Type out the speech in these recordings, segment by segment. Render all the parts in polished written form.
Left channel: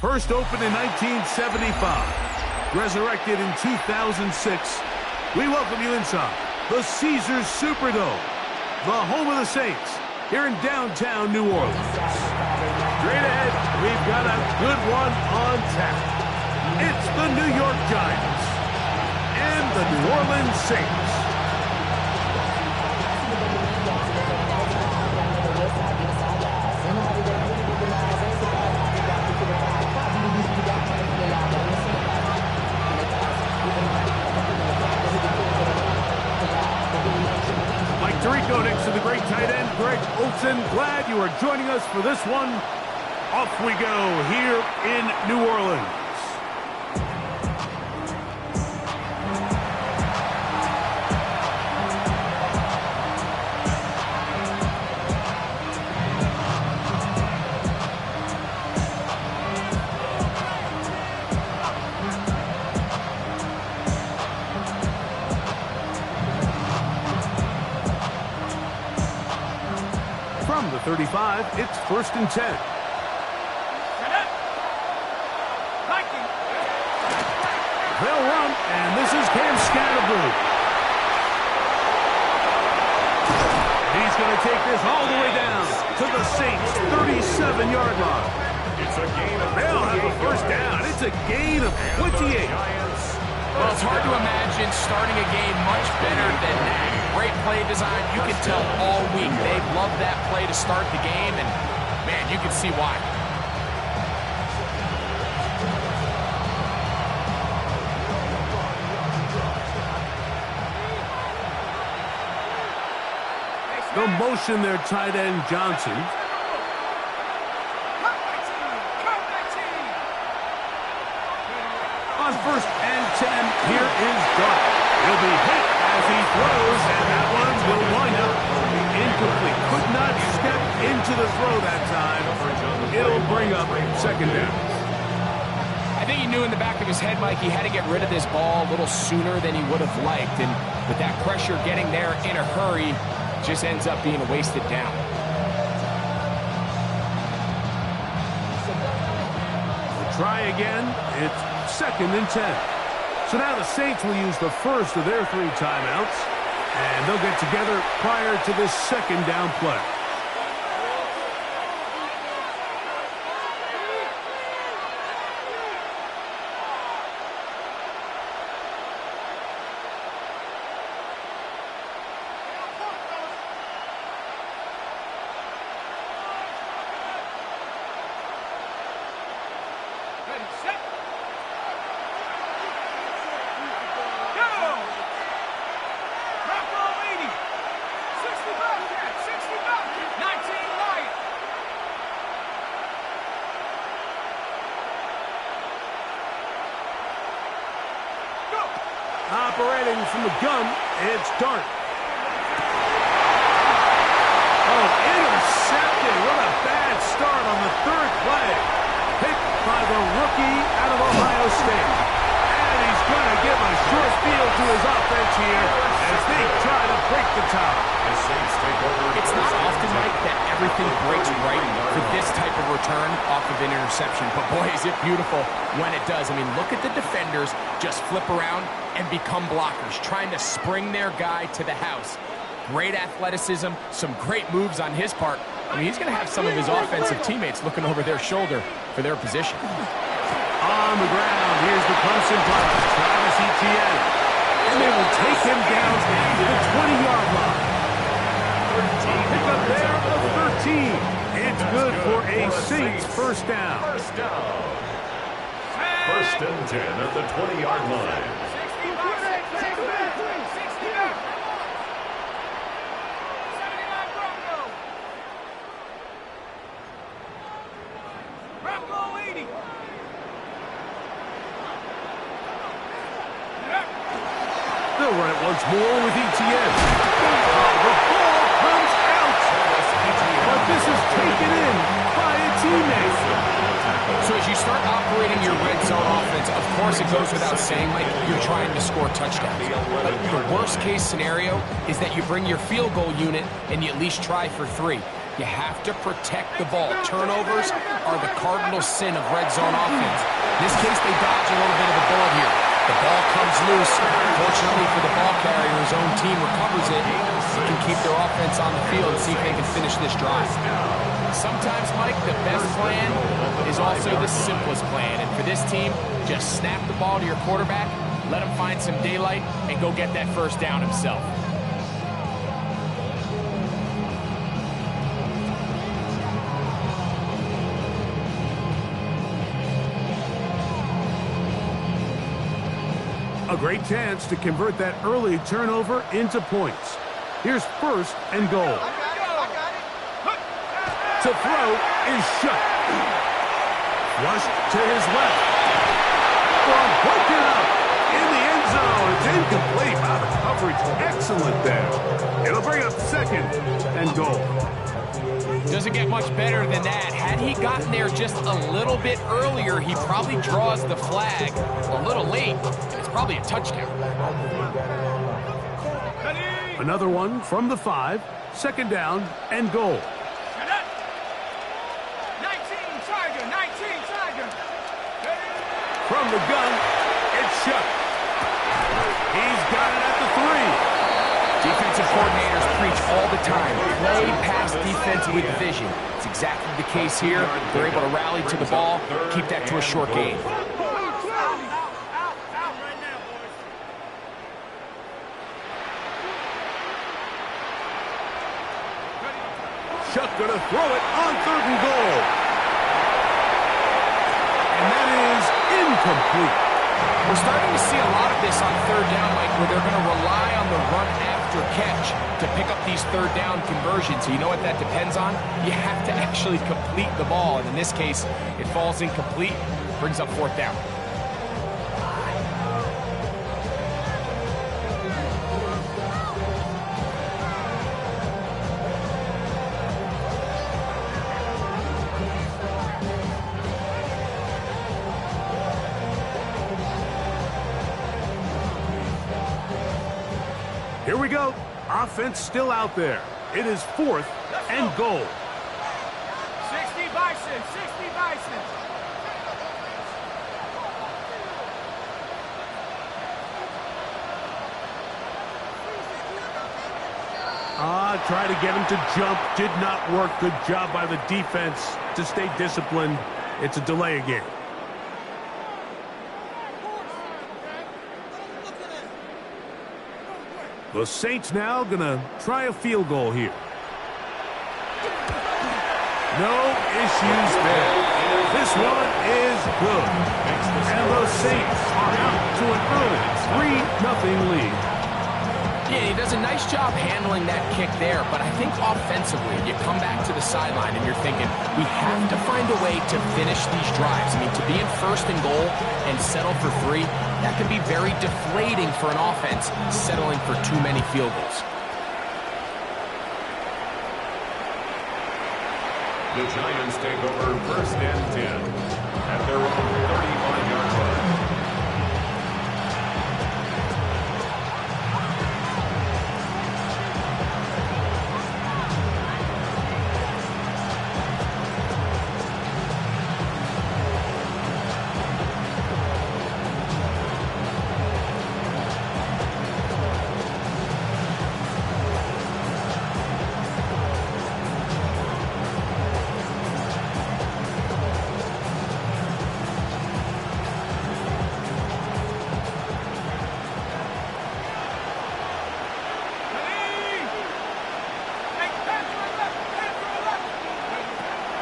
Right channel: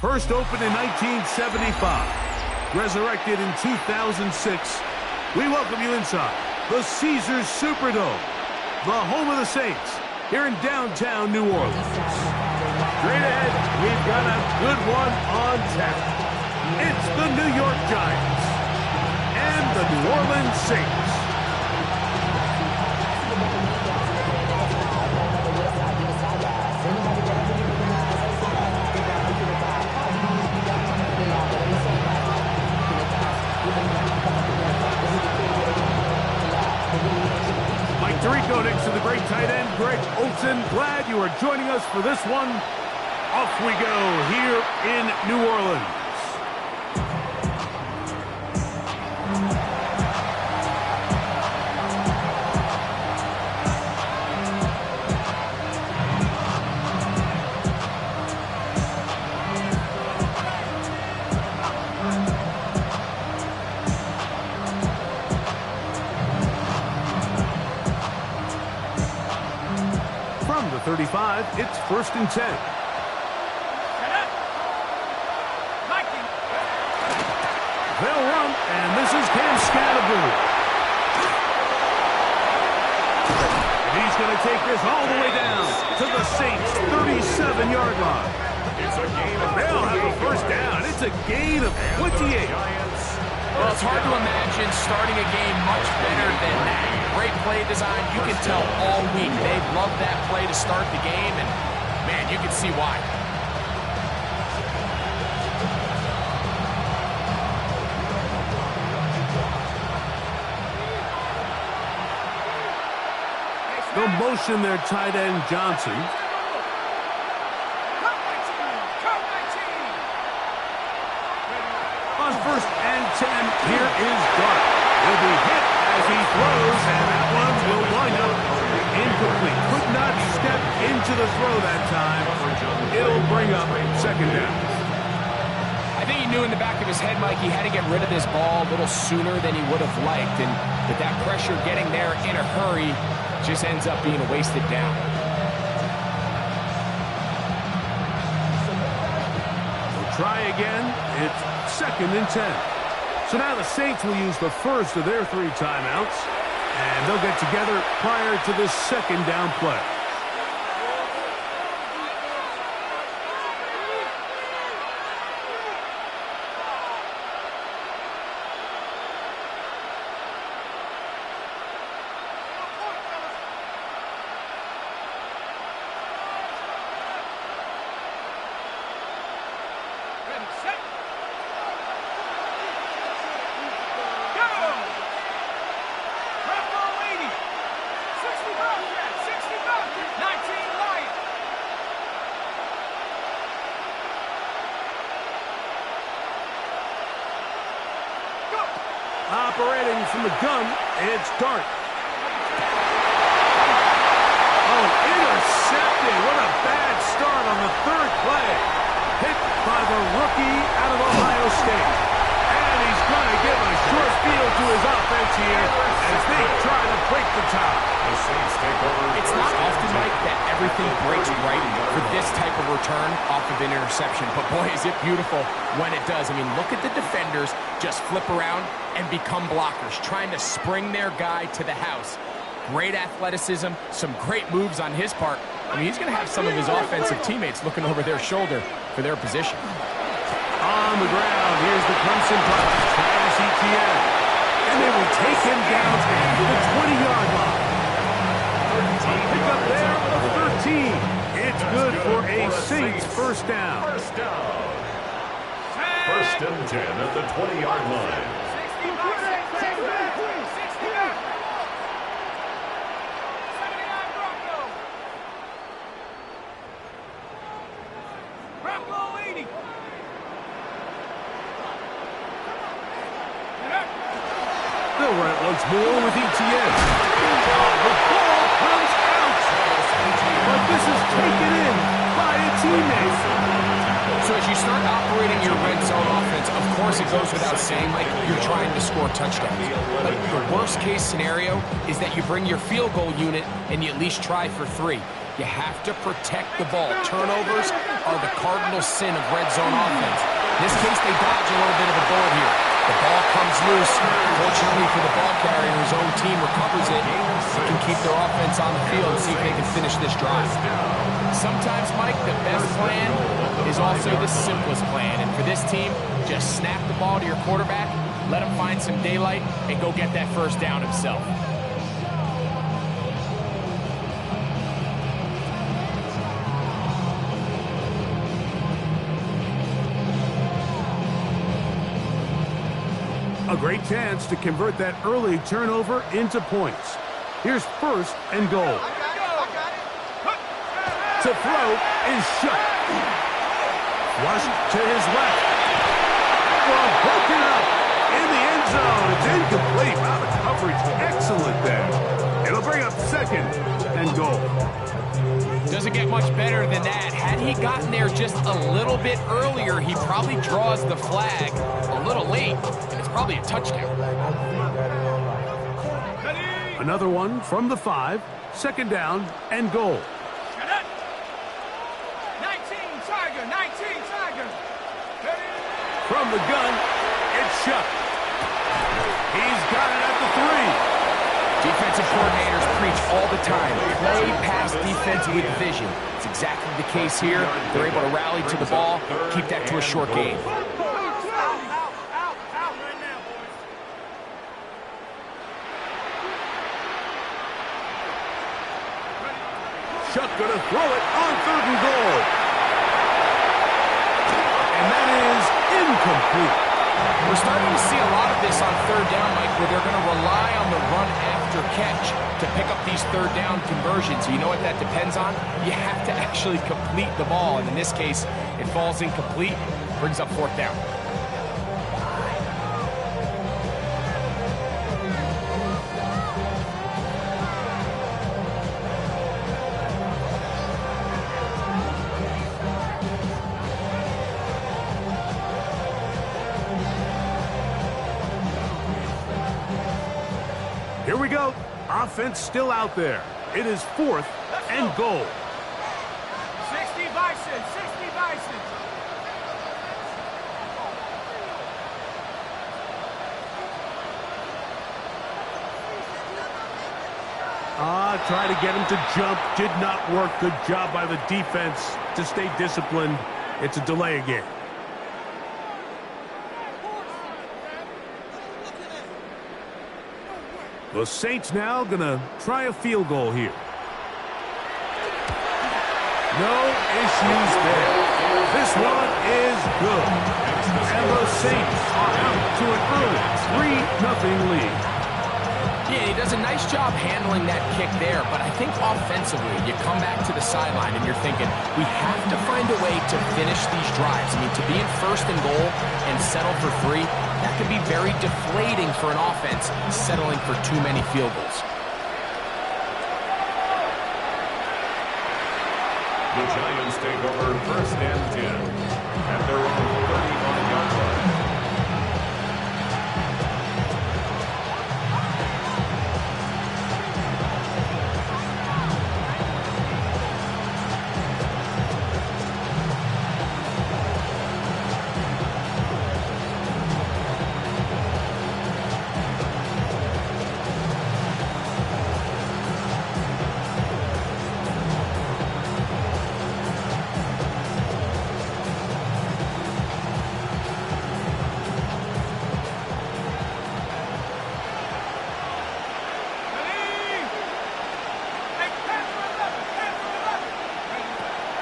First opened in 1975, resurrected in 2006, we welcome you inside the Caesars Superdome, the home of the Saints, here in downtown New Orleans. Straight ahead, we've got a good one on tap. It's the New York Giants and the New Orleans Saints. Mike Tirico next to the great tight end, Greg Olsen. Glad you are joining us for this one. Off we go here in New Orleans. From the 35, it's 1st and 10. They'll run, and this is Cam Scatterboo. And he's going to take this all the way down to the Saints' 37-yard line. It's a gain of They'll have a first down. It's a gain of 28. Well, it's hard to imagine starting a game much better than that. Great play design. You can tell all week they love that play to start the game, and, man, you can see why. The motion there, tight end Johnson. On 1st and 10, here is Dart. He'll be hit as he throws, and that one will wind up incomplete. Could not step into the throw that time. It'll bring up 2nd down. I think he knew in the back of his head, Mike, he had to get rid of this ball a little sooner than he would have liked. And with that pressure getting there in a hurry, just ends up being a wasted down. We'll try again. It's 2nd and 10. So now the Saints will use the first of their 3 timeouts, and they'll get together prior to this 2nd down play. Ready, set. Go! Drop ball 80. 60 Bobcat, 60 Bobcat, 19 Lion. Go! Operating from the gun, it's Dart. Oh, intercepted. What a bad start on the 3rd play. Hit by the rookie out of Ohio State. And he's going to give a short field to his offense here as they try to break the tie. The Saints take over. It's not often, Mike, that everything breaks right for this type of return off of an interception. But, boy, is it beautiful when it does. I mean, look at the defenders just flip around and become blockers, trying to spring their guy to the house. Great athleticism, some great moves on his part. I mean, he's going to have some of his offensive teammates looking over their shoulder for their position. On the ground, here's the Clemson product, Travis Etienne. And they will take him down at the 20-yard line. Pick up there of 13. It's good for a Saints first down. First down. 1st and 10 at the 20-yard line. 60 Bobcat, 60 Bobcat. 79 Bronco. Bronco 80. They'll run it once more with Etienne. Oh, the ball comes out. But this is taken in by a teammate. So as you start operating your red zone offense, of course it goes without saying, like, you're trying to score touchdowns. But the worst case scenario is that you bring your field goal unit and you at least try for 3. You have to protect the ball. Turnovers are the cardinal sin of red zone offense. In this case, they dodge a little bit of a bullet here. The ball comes loose. Fortunately for the ball carrier, his own team recovers it. They can keep their offense on the field and see if they can finish this drive. Sometimes, Mike, the best plan is also the simplest plan. And for this team, just snap the ball to your quarterback, let him find some daylight, and go get that first down himself. A great chance to convert that early turnover into points. Here's first and goal. I got it. To throw is shut. Flushed to his left. Ball broken up in the end zone. It's incomplete. Wow, the coverage excellent there. It'll bring up second and goal. Doesn't get much better than that. Had he gotten there just a little bit earlier, he probably draws the flag a little late, and it's probably a touchdown. Another one from the 5, second down and goal. 19 Tiger, 19 Tiger. From the gun, it's shut. He's got it at the 3. Defensive coordinators preach all the time. Play pass defense with vision. It's exactly the case here. They're able to rally to the ball, keep that to a short gain. Out right now, boys. Shuck gonna throw it on 3rd and goal. And that is incomplete. We're starting to see a lot of this on 3rd down, Mike, where they're going to rely on the run after catch to pick up these 3rd down conversions. So you know what that depends on? You have to actually complete the ball. And in this case, it falls incomplete, brings up 4th down. Here we go. Offense still out there. It is 4th and goal. 60 Bison, 60 Bison. Try to get him to jump. Did not work. Good job by the defense to stay disciplined. It's a delay again. The Saints now gonna try a field goal here. No issues there. This one is good. And the Saints are out to an early 3-0 lead. Yeah, he does a nice job handling that kick there, but I think offensively, you come back to the sideline and you're thinking, we have to find a way to finish these drives. I mean, to be in 1st and goal and settle for 3, that can be very deflating for an offense settling for too many field goals. The Giants take over 1st and 10 at their own 35-yard line.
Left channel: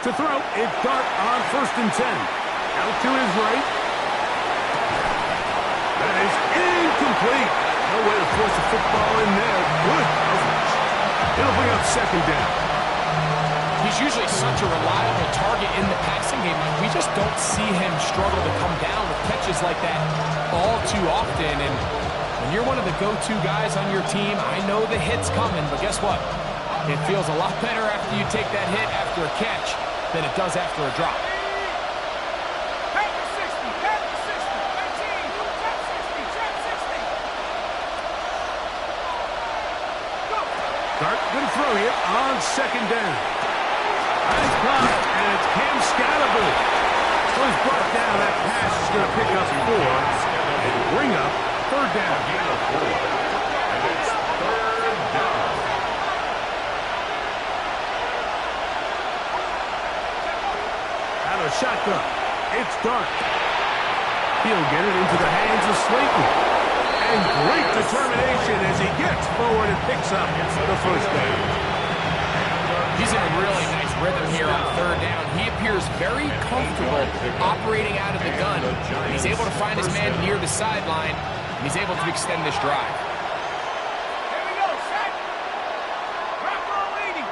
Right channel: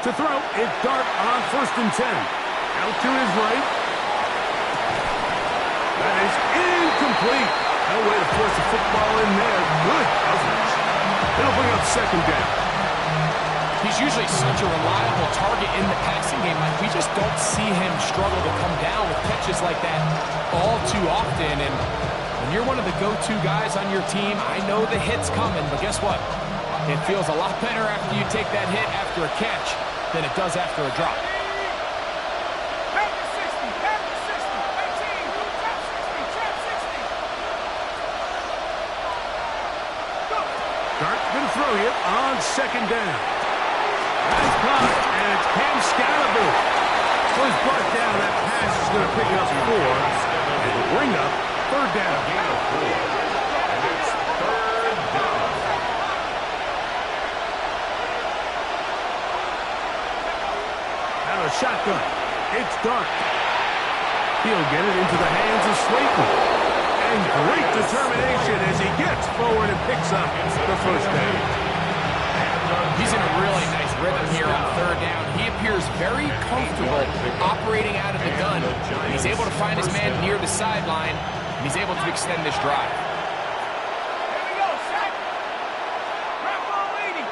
To throw, it's Dart on 1st and 10. Out to his right. That is incomplete. No way to force the football in there. Good coverage. It'll bring up 2nd down. He's usually such a reliable target in the passing game. Like, we just don't see him struggle to come down with catches like that all too often. And when you're one of the go-to guys on your team, I know the hit's coming, but guess what? It feels a lot better after you take that hit after a catch than it does after a drop. Back to 60, back to 60, 18, trap 60, trap 60. Go. Dart going to throw here on 2nd down. Nice caught, and it's Cam Scalaboo. So he's brought down. That pass is going to pick up 4 and bring up third down. Gain of 4. And it's third down. Out of the shotgun. It's Dart. He'll get it into the hands of Slayton. And great determination as he gets forward and picks up the first down. He's in a really nice rhythm here on third down. He appears very comfortable operating out of the gun. He's able to find his man near the sideline, and he's able to extend this drive. Here we go, set. Rocco leading.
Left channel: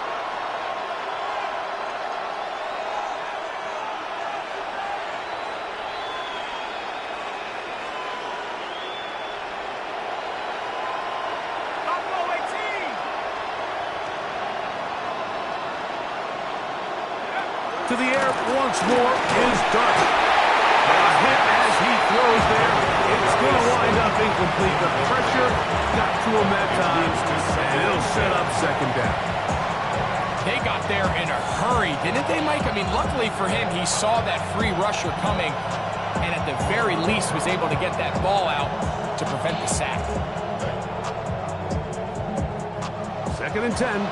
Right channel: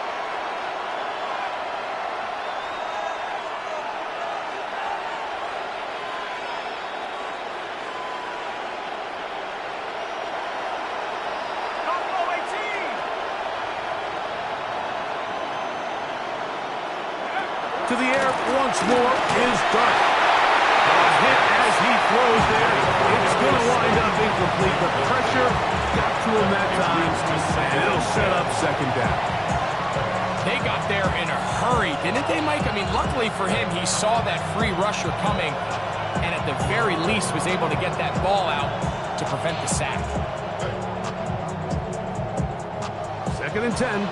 Buffalo 18. To the air once more is Dart. A hit as he throws there. It's going to wind up incomplete. The pressure got to him that time, and it'll set up second down. They got there in a hurry, didn't they, Mike? I mean, luckily for him, he saw that free rusher coming, and at the very least was able to get that ball out to prevent the sack. Second and 10.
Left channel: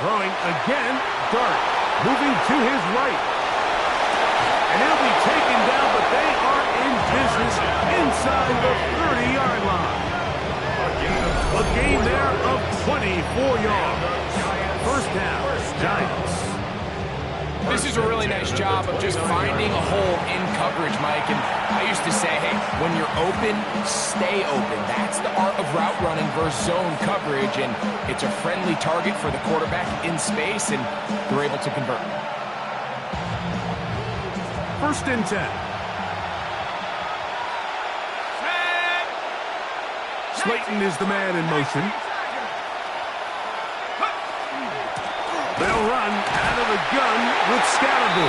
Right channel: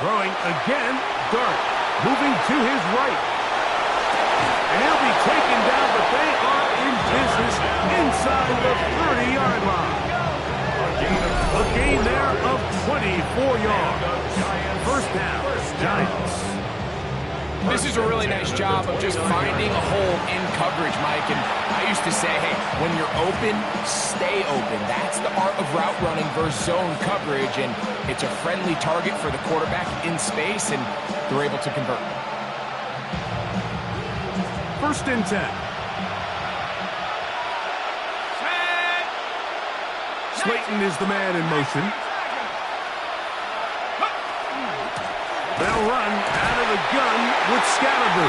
Throwing again, Dart, moving to his right. And he'll be taken down, but they are in business inside the 30-yard line. A gain there of 24 yards. First down, Giants. This is a really nice job of just finding a hole in coverage, Mike. And I used to say, hey, when you're open, stay open. That's the art of route running versus zone coverage. And it's a friendly target for the quarterback in space, and they're able to convert. First and 10. Slayton is the man in motion. They'll run out of the gun with Scalaboo.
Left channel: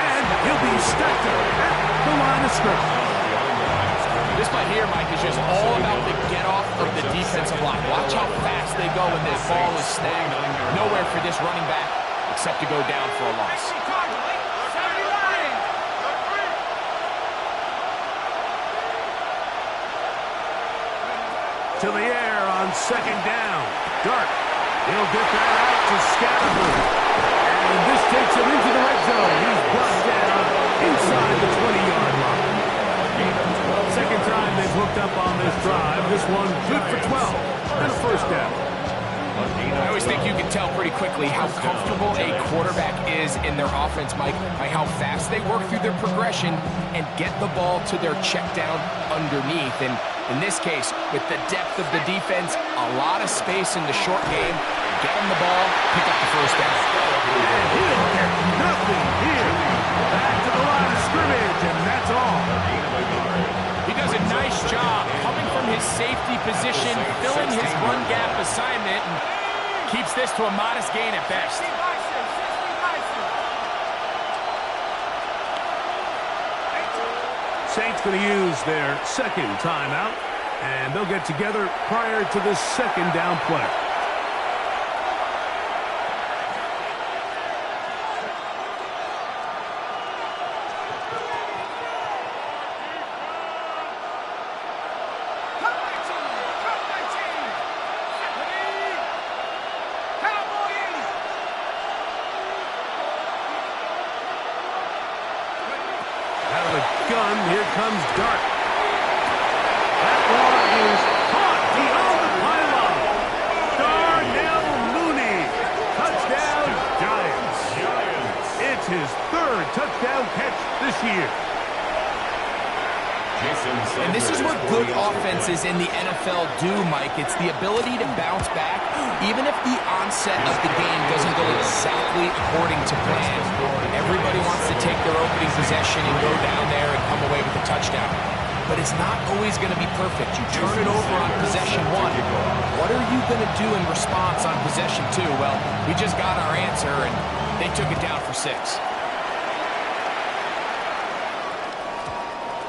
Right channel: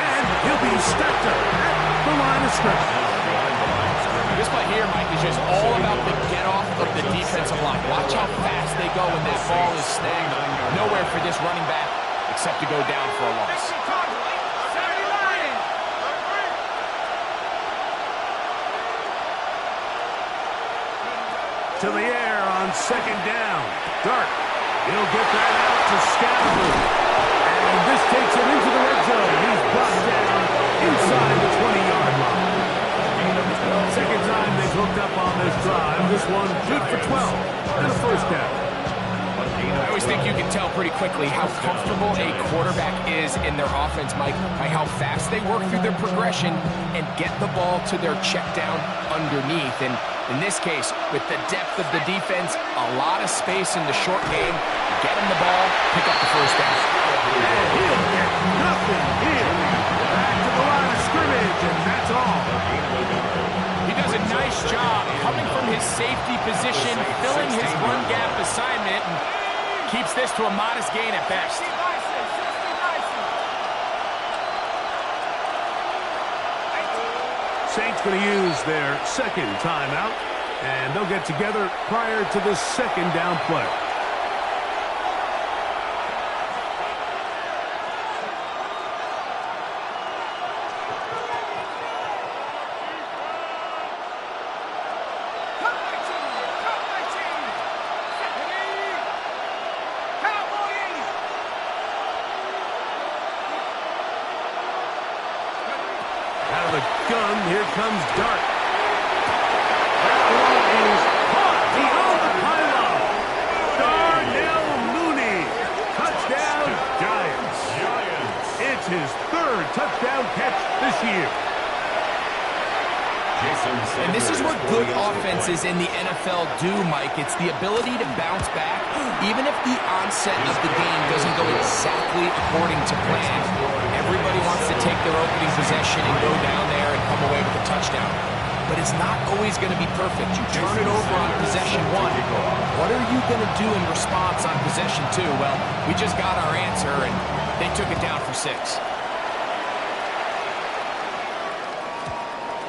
And he'll be stacked up at the line of scrimmage. This play here, Mike, is just all about the get-off of the defensive line. Watch how fast they go when that ball is snagged. Nowhere for this running back except to go down for a loss. To the air on second down. Dart. He'll get that out to Scalaboo. And this takes him into the red zone. He's brought down inside the 20-yard line. Second time they've hooked up on this drive. This one good for 12 and a first down. I always think you can tell pretty quickly how comfortable a quarterback is in their offense, Mike, by how fast they work through their progression and get the ball to their check down underneath. And in this case, with the depth of the defense, a lot of space in the short game, get him the ball, pick up the first down. And he'll get nothing here. Back to the line of scrimmage, and that's all. He does a nice job coming from his safety position, filling his run gap assignment, and keeps this to a modest gain at best. Saints going to use their second timeout, and they'll get together prior to the second down play. Out of the gun, here comes Dart. That one is caught beyond the pylon. Darnell Mooney. Touchdown, Giants. It's his third touchdown catch this year. And this is what good offenses in the NFL do, Mike. It's the ability to bounce back, even if the onset of the game doesn't go exactly according to plan. Everybody wants to take their opening possession and go down there and come away with a touchdown. but it's not always going to be perfect. You turn it over on possession 1. What are you going to do in response on possession 2? Well, we just got our answer, and they took it down for 6.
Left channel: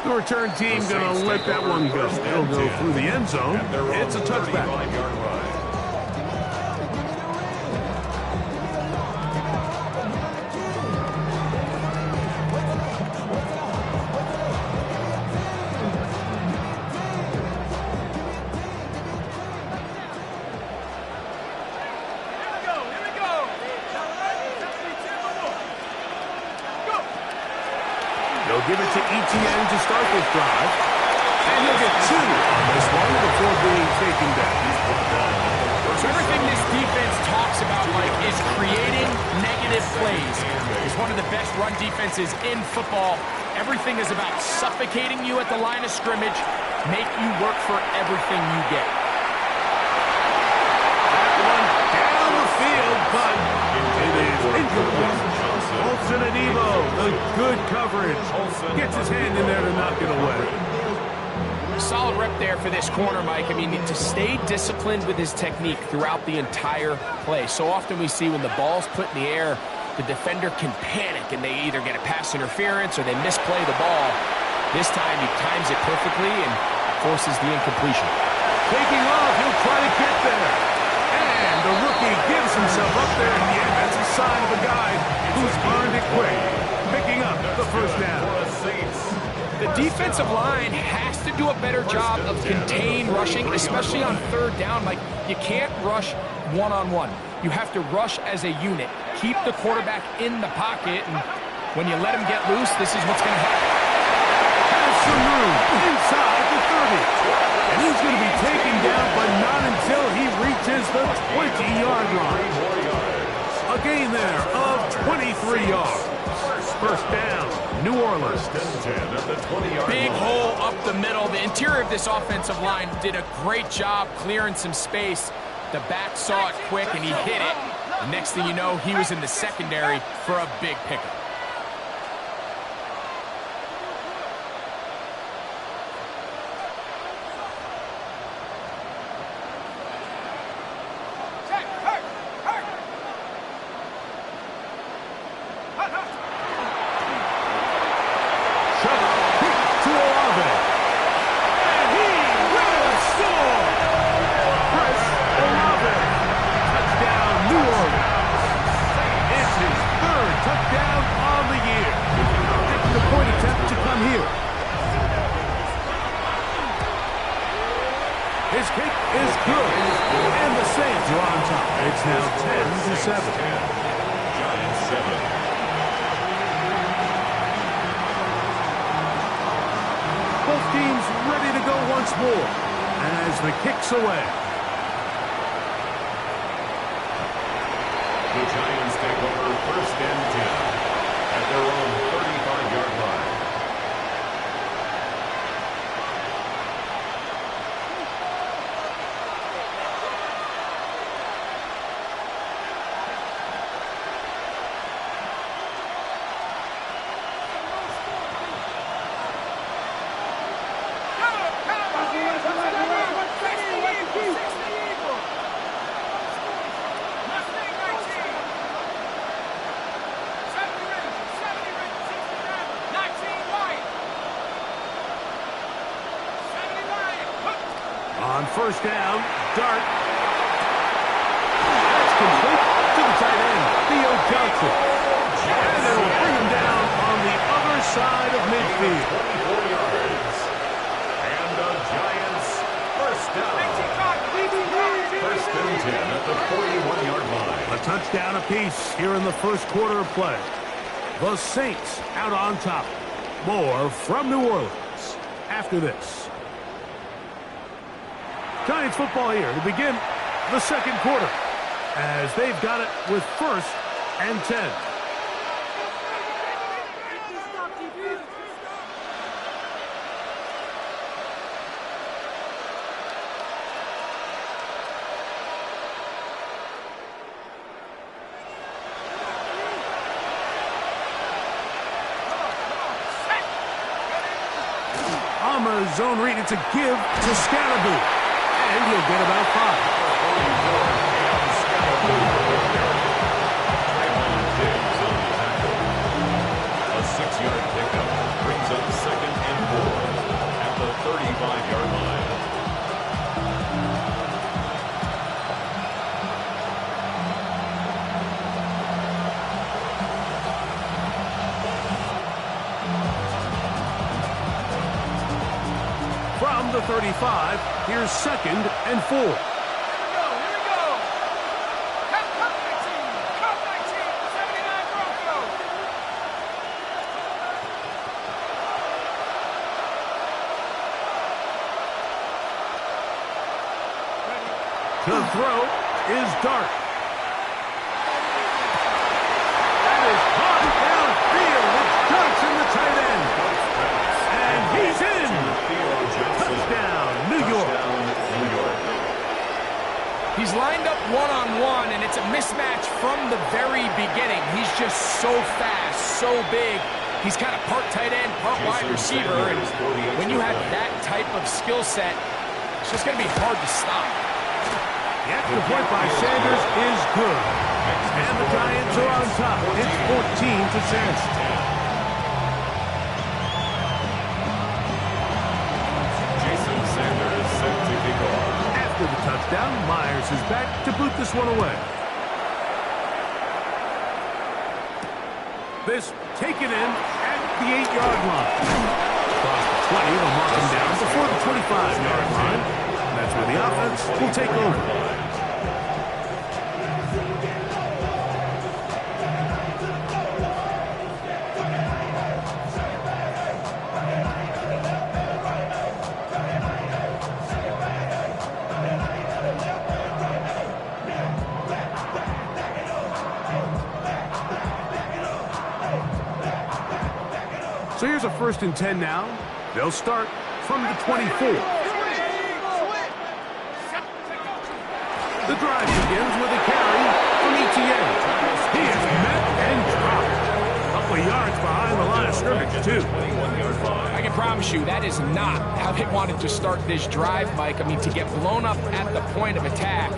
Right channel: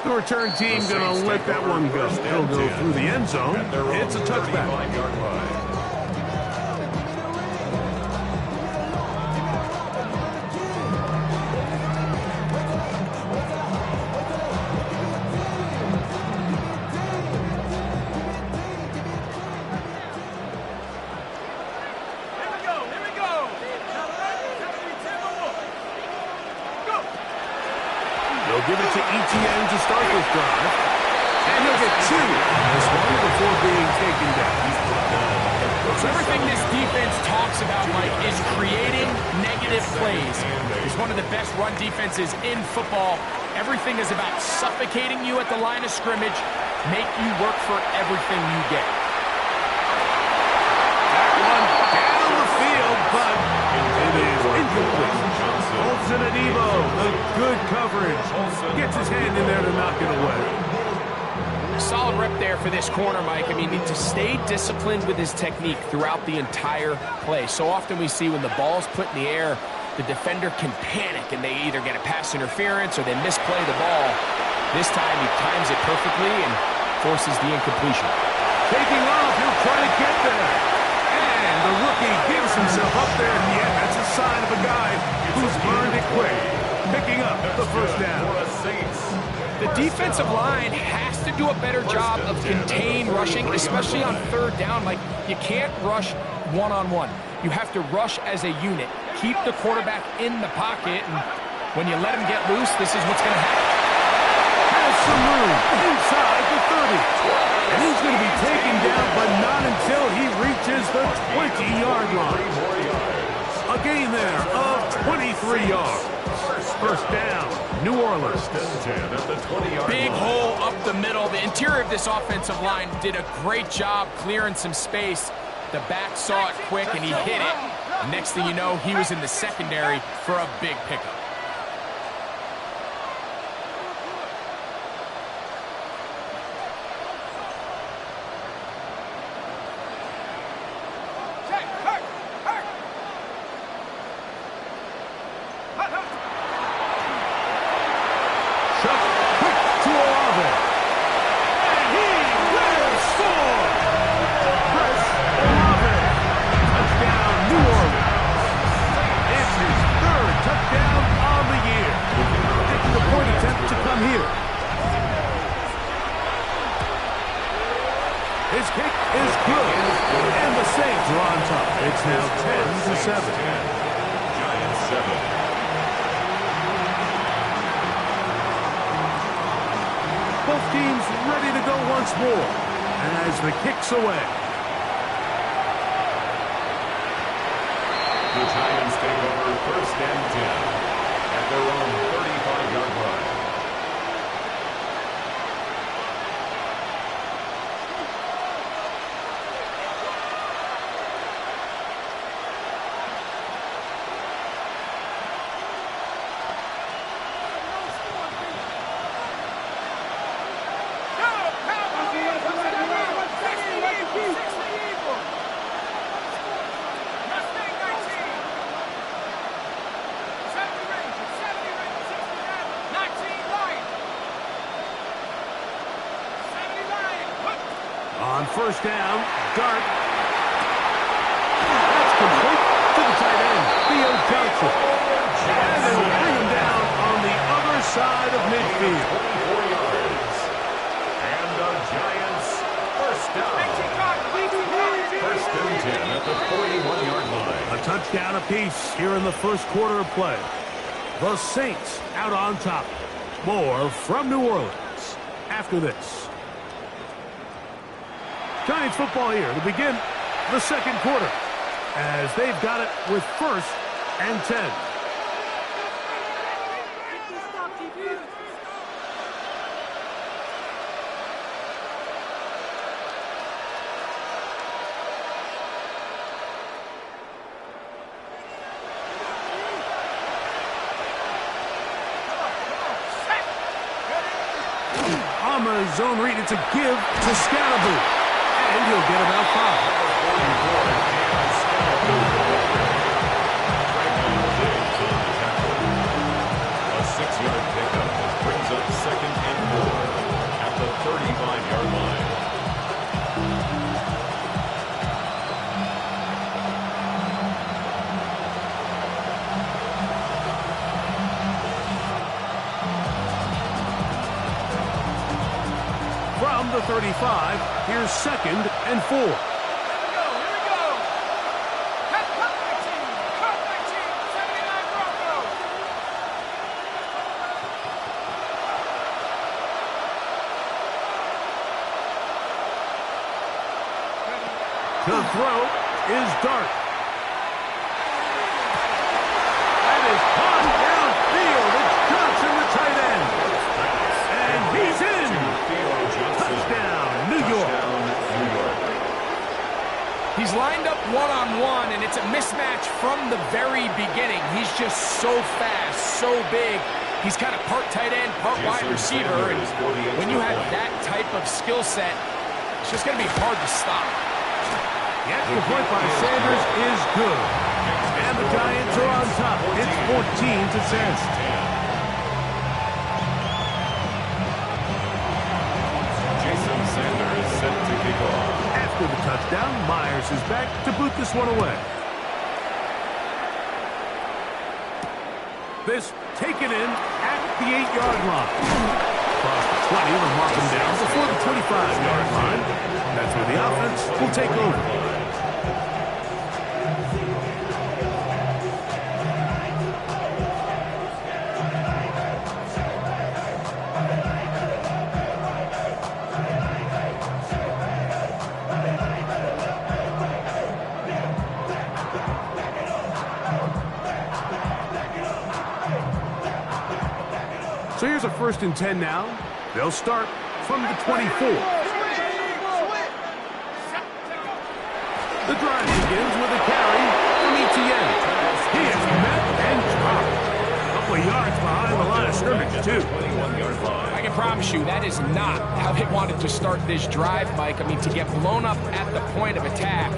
The return team going to let that one go. They'll go through the end zone. It's a touchback. They'll give it to ETN to start this drive. And he'll get 2 on this one before being taken down. So everything this defense talks about, Mike, is creating negative plays. It's one of the best run defenses in football. Everything is about suffocating you at the line of scrimmage, make you work for everything you get. That one down the field, but it is incomplete. Olsen and Evo, the good coverage. Gets his hand in there to knock it away. Solid rep there for this corner, Mike. I mean, to stay disciplined with his technique throughout the entire play. So often we see when the ball's put in the air, the defender can panic and they either get a pass interference or they misplay the ball. This time he times it perfectly and forces the incompletion. Taking off, he'll try to get there. And the rookie gives himself up there in the end. That's a sign of a guy who's learned it quick. Picking up the first down. The defensive line has to do a better job of contain rushing, especially on third down. Like, you can't rush one-on-one. You have to rush as a unit. Keep the quarterback in the pocket, and when you let him get loose, this is what's going to happen. Has some room inside the 30. And he's going to be taken down, but not until he reaches the 20-yard line. A gain there of 23 yards. First down, New Orleans. Big hole up the middle. The interior of this offensive line did a great job clearing some space. The back saw it quick, and he hit it. Next thing you know, he was in the secondary for a big pickup. His kick is good, and the Saints are on top. It's now 10-7. Giants 7. Both teams ready to go once more as the kick's away. The Giants take over first and 10 at their own 35-yard line. On first down, Dart. That's complete to the tight end, Theo Johnson. And they will bring him down on the other side of midfield. 24 yards. And the Giants first down. First and 10 at the 41-yard line. A touchdown apiece here in the first quarter of play. The Saints out on top. More from New Orleans after this. Giants football here to begin the second quarter as they've got it with first and 10. On the zone read, it's a give to Scalaboo. And he'll get about 5. A 6-yard pickup brings up 2nd and 4 at the 35-yard line. From the 35, here's 2nd and 4. Here we go. Cut 19. Cut 19. 79 Broncos. To throw is Dart. That is hot downfield. It's Johnson, the tight end. And he's in. Touchdown, New York. He's lined up one-on-one, and it's a mismatch from the very beginning. He's just so fast, so big. He's kind of part tight end, part wide receiver. And when you have that type of skill set, it's just going to be hard to stop. The extra point by Sanders is good. And the Giants are on top. It's 14-10. Sanders set to kick off. After the touchdown, Myers is back to boot this one away. This taken in at the 8-yard line. Across the 20, they'll mark him down before the 25-yard line. That's where the offense will take over. So here's a 1st and 10 now. They'll start from the 24. The drive begins with a carry from Etienne. He is met and dropped. A couple of yards behind the line of scrimmage, too. I can promise you that is not how they wanted to start this drive, Mike. I mean, to get blown up at the point of attack,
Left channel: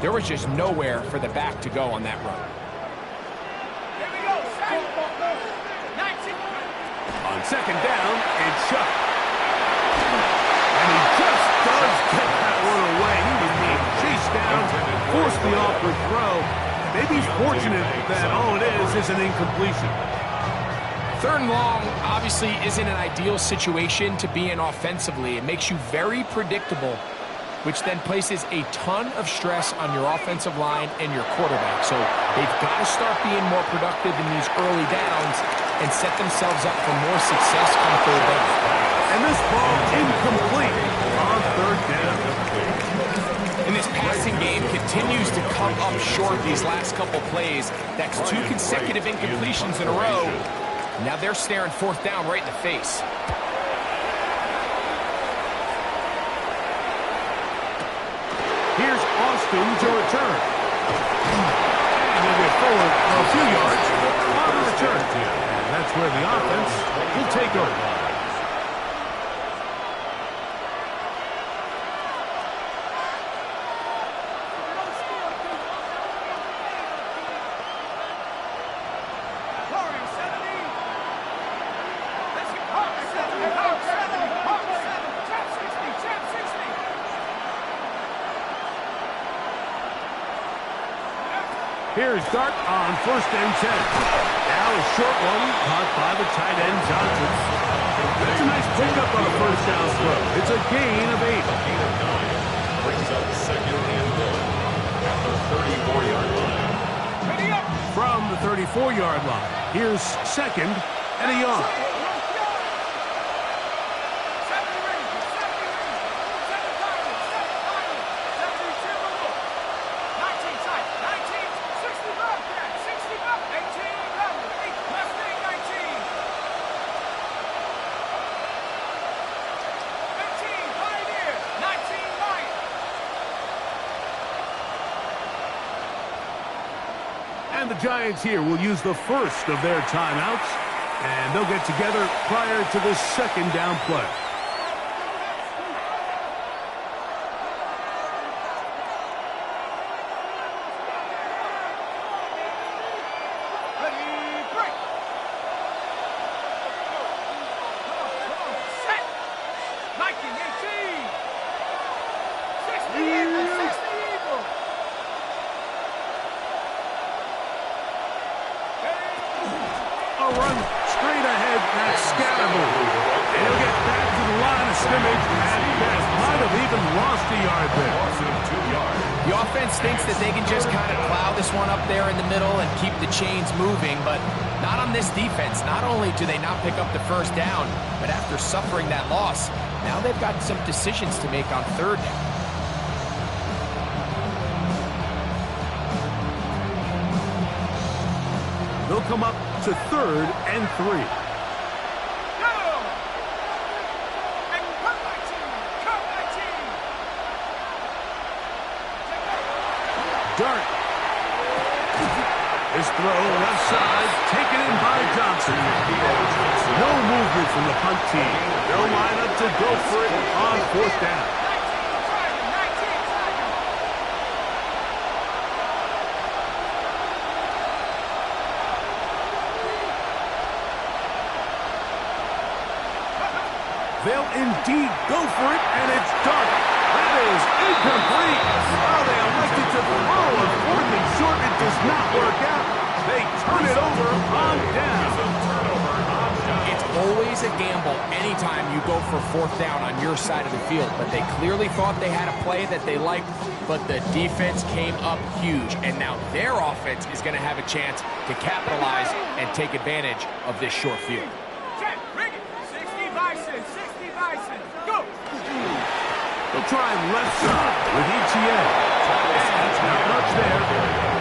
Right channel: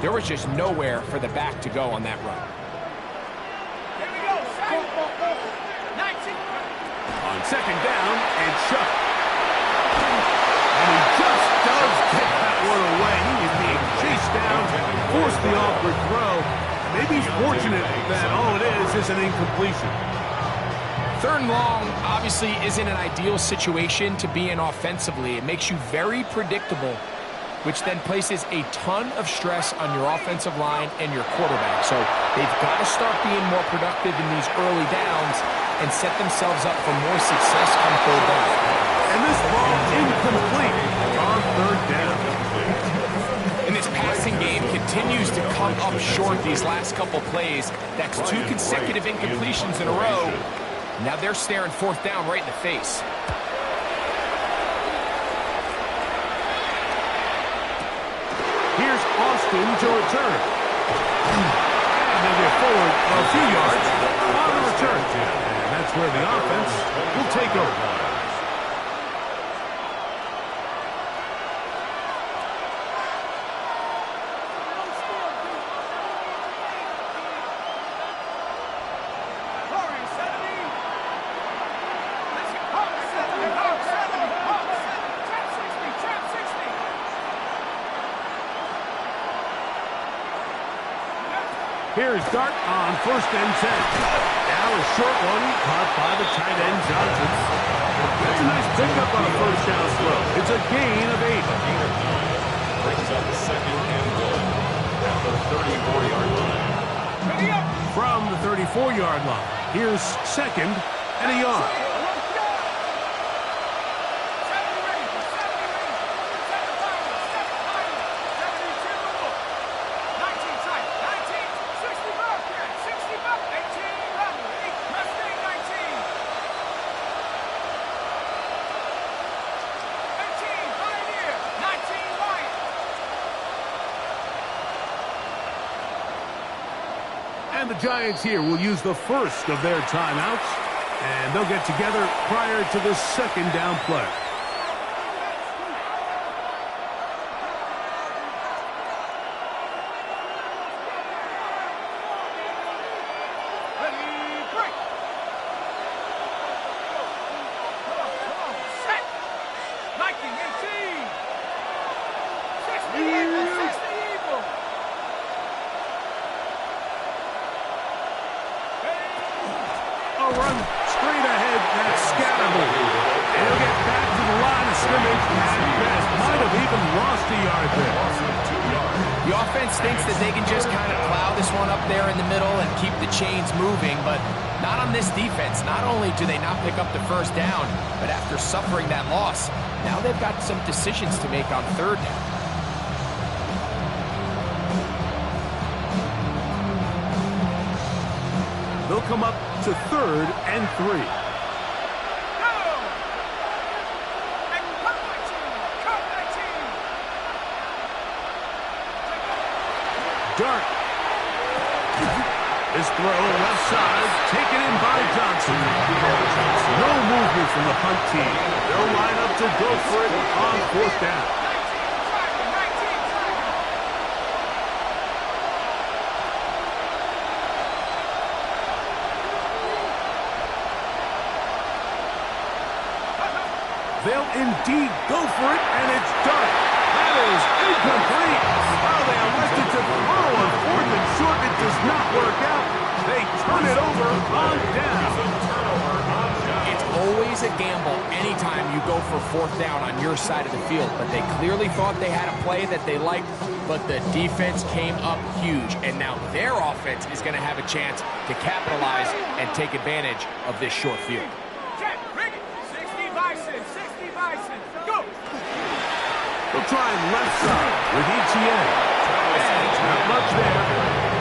there was just nowhere for the back to go on that run. Here we go. 19. On 2nd down, it's Chuck. And he just does get that one away. He was being chased down, forced the awkward throw. Maybe he's fortunate that all it is an incompletion. 3rd and long obviously isn't an ideal situation to be in offensively. It makes you very predictable, which then places a ton of stress on your offensive line and your quarterback. So they've got to start being more productive in these early downs and set themselves up for more success come 3rd down. And this ball incomplete on 3rd down. And this passing game continues to come up short these last couple plays. That's 2 consecutive incompletions in a row. Now they're staring 4th down right in the face. Here's Austin to return. And they'll get forward a few yards on the return. And that's where the offense will take over. Here's Dart on 1st and 10. Now a short one caught by the tight end Johnson. That's a nice pickup on a 1st down throw. It's a gain of 8. A gain of 9 brings up 2nd and 1 at the 34-yard line. Ready up. From the 34-yard line, here's 2nd and a yard. 19. And the Giants here will use the first of their timeouts, and they'll get together prior to the 2nd down play. straight ahead. That's Scattermove. And he'll get back to the line of scrimmage at best. Might have even lost a yard there. Loss of 2 yards. The offense thinks that they can just kind of plow this one up there in the middle and keep the chains moving, but not on this defense. Not only do they not pick up the first down, but after suffering that loss, now they've got some decisions to make on third down. They'll come up to 3rd and 3. Dart. His throw left side, taken in by Johnson. No movement from the punt team. They'll line up to go for it on 4th down. They'll indeed go for it, and it's Dart. That is incomplete. Oh, they elected to throw on 4th and short. It does not work out. They turn it over on down. It's always a gamble anytime you go for 4th down on your side of the field, but they clearly thought they had a play that they liked, but the defense came up huge, and now their offense is going to have a chance to capitalize and take advantage of this short field. Go! They'll try left side with ETN. And not much there.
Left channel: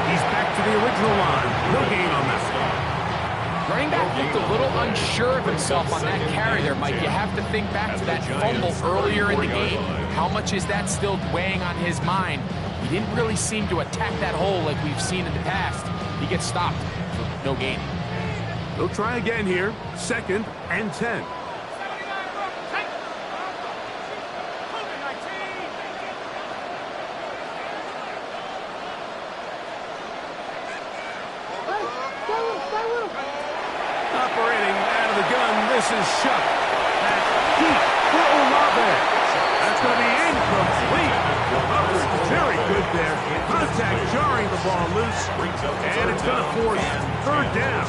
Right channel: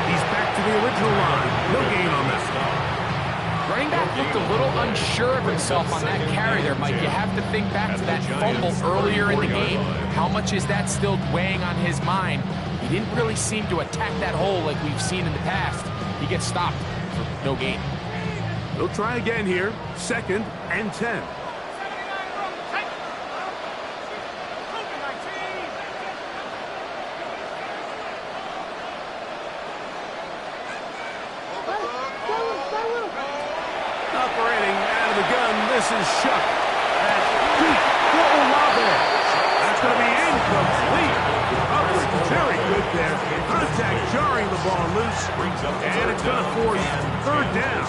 He's back to the original line. No gain on that. Running back looked a little unsure of himself on that carry there, Mike. You have to think back to that fumble earlier in the game. How much is that still weighing on his mind? He didn't really seem to attack that hole like we've seen in the past. He gets stopped for no gain. They'll try again here. 2nd and 10. Operating out of the gun, this is Shuck. That's deep for Olave. That's going to be incomplete. Coverage very good there. Contact jarring the ball loose. And it's going to force 3rd down.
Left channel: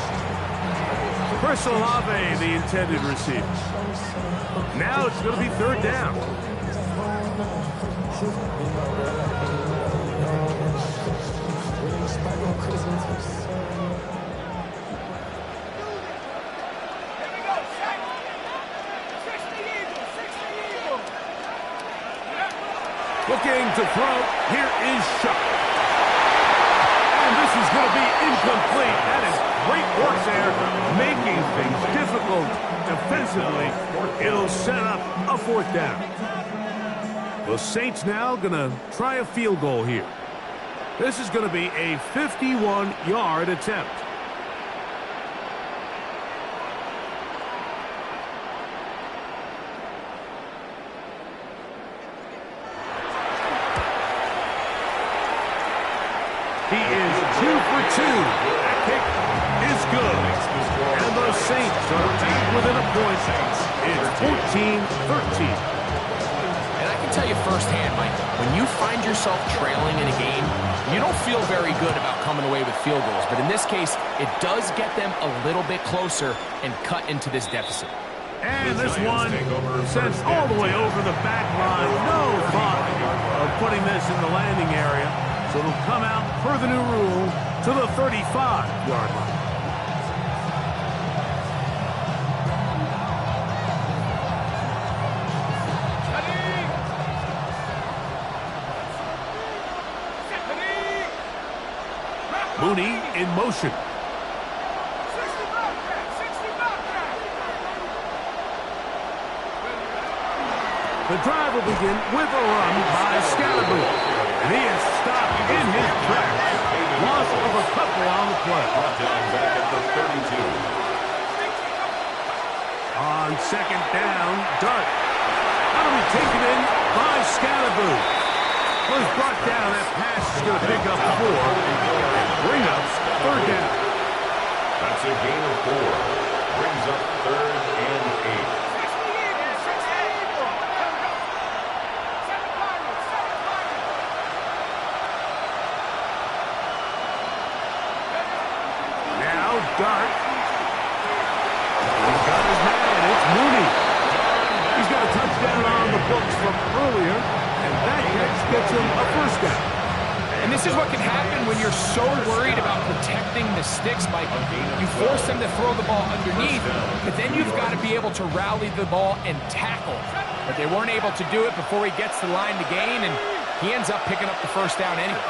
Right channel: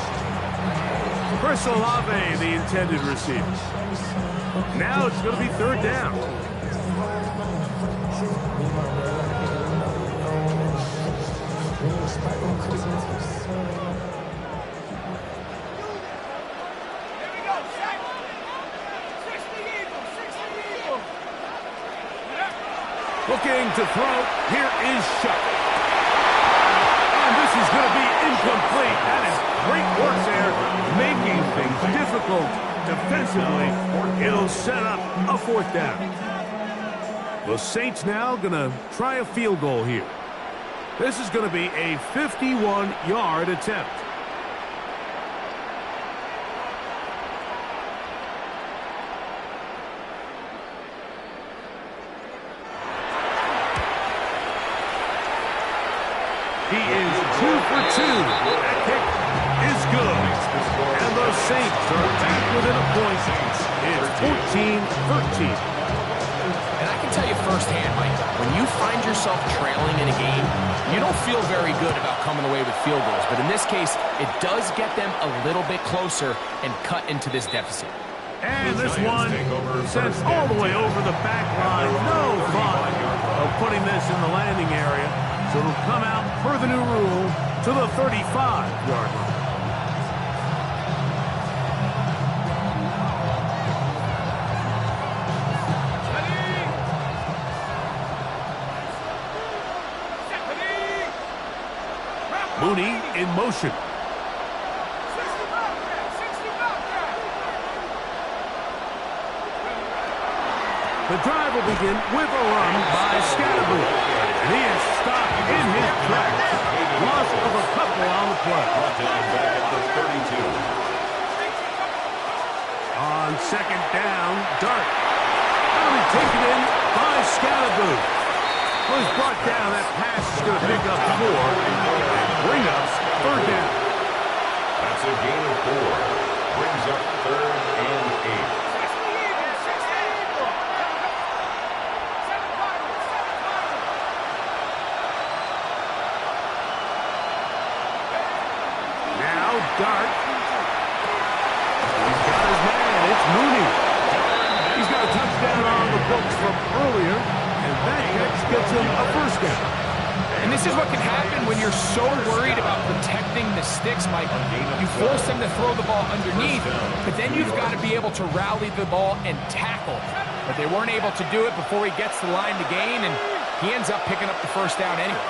Chris Olave, the intended receiver. Now it's going to be 3rd down. Looking to throw. Here is Shuck. And this is going to be incomplete. That is great work there, making things difficult defensively. It'll set up a 4th down. The Saints now going to try a field goal here. This is going to be a 51-yard attempt. He is 2 for 2. That kick is good. And the Saints are back within a point. It's 14-13. And I can tell you firsthand, Mike, when you find yourself trailing in a game, you don't feel very good about coming away with field goals. But in this case, it does get them a little bit closer and cut into this deficit. And this one sent all the way over the back line. No thought of putting this in the landing area. So it'll come out per the new rule to the 35-yard line. Mooney in motion. The drive will begin with a run by Scattermove. And he is stopped in his tracks. Loss of a couple on the play. Back at the 32. On 2nd down, Dart. That'll be taken in by Scattermove. Well, he's brought down. That pass is going to pick up 4 and bring up 3rd down. That's a gain of 4. Brings up 3rd and 8. Dart That's Mooney. He's got a touchdown on the books from earlier, and that catch gets him a first down. And this is what can happen when you're so worried about protecting the sticks, Mike. You force them to throw the ball underneath, but then you've got to be able to rally the ball and tackle. But they weren't able to do it before he gets the line to gain, and he ends up picking up the first down anyway.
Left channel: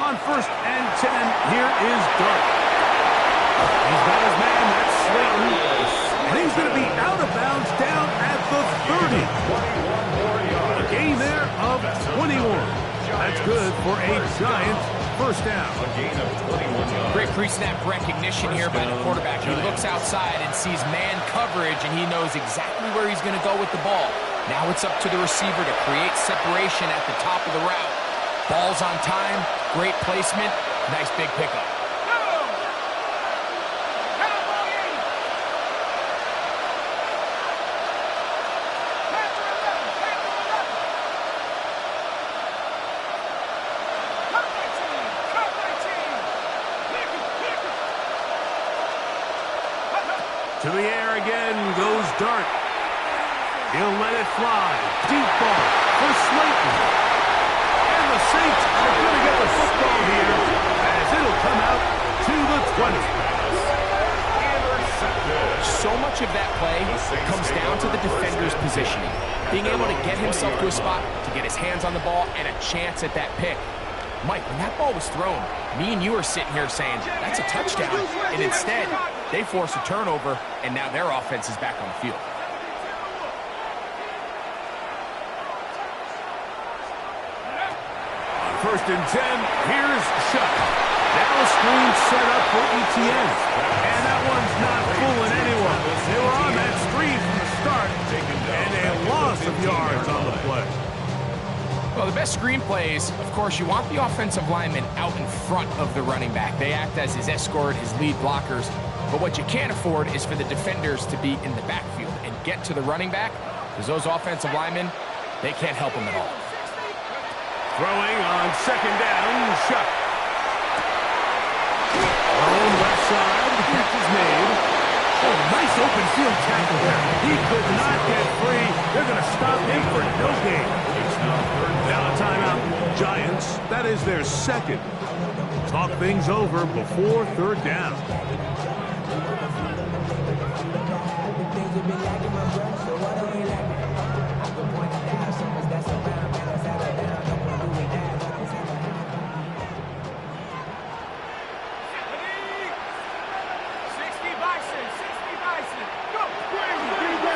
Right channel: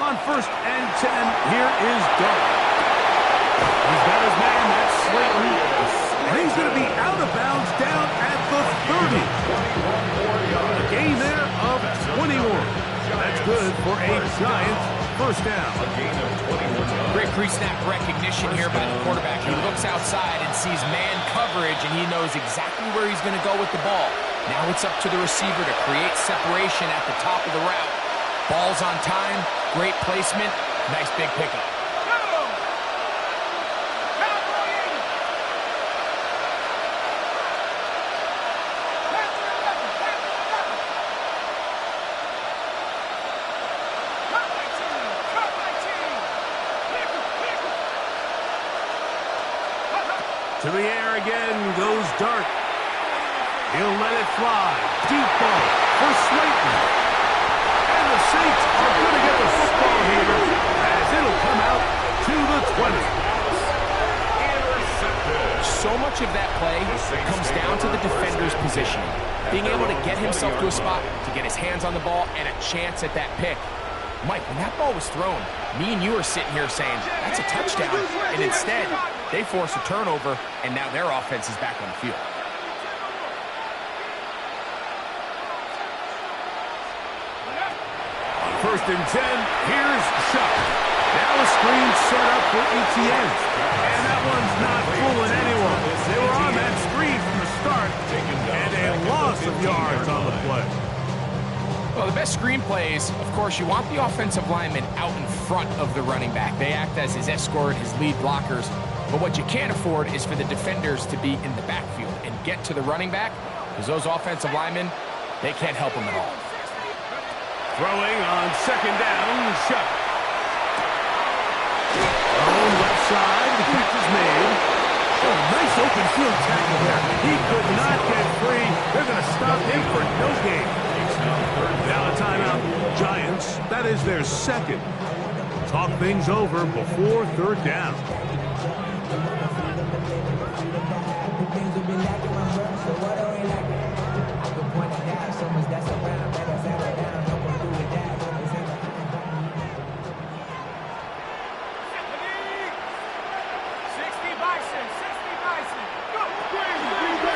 On 1st and 10, here is Dart. He's got his man, that's Slayton. And he's going to be out of bounds down at the 30. A gain there of 21. That's good for a Giants first down. A gain of 21 yards. Great pre-snap recognition here by the quarterback. He looks outside and sees man coverage, and he knows exactly where he's going to go with the ball. Now it's up to the receiver to create separation at the top of the route. Ball's on time, great placement, nice big pickup. To the air again goes Dart. He'll let it fly. Deep ball for Slayton. And the Saints are going to get the football here as it'll come out to the 20. Intercepted. So much of that play comes down to the defender's positioning. Being able to get himself to a spot, to get his hands on the ball, and a chance at that pick. Mike, when that ball was thrown, me and you are sitting here saying, that's a touchdown. And instead, they force a turnover, and now their offense is back on the field. On 1st and 10, here's Shuck. Now a screen set up for Etienne. And that one's not fooling anyone. They were on that screen from the start, and a loss of yards on the play. Well, the best screen plays, of course, you want the offensive lineman out in front of the running back. They act as his escort, his lead blockers. But what you can't afford is for the defenders to be in the backfield and get to the running back, because those offensive linemen, they can't help him at all. Throwing on 2nd down, Shuck. Thrown left side, the catch is made. Oh, nice open field tackle there. He could not get free. They're going to stop him for no gain. Now a timeout. Giants, that is their 2nd. Talk things over before 3rd down.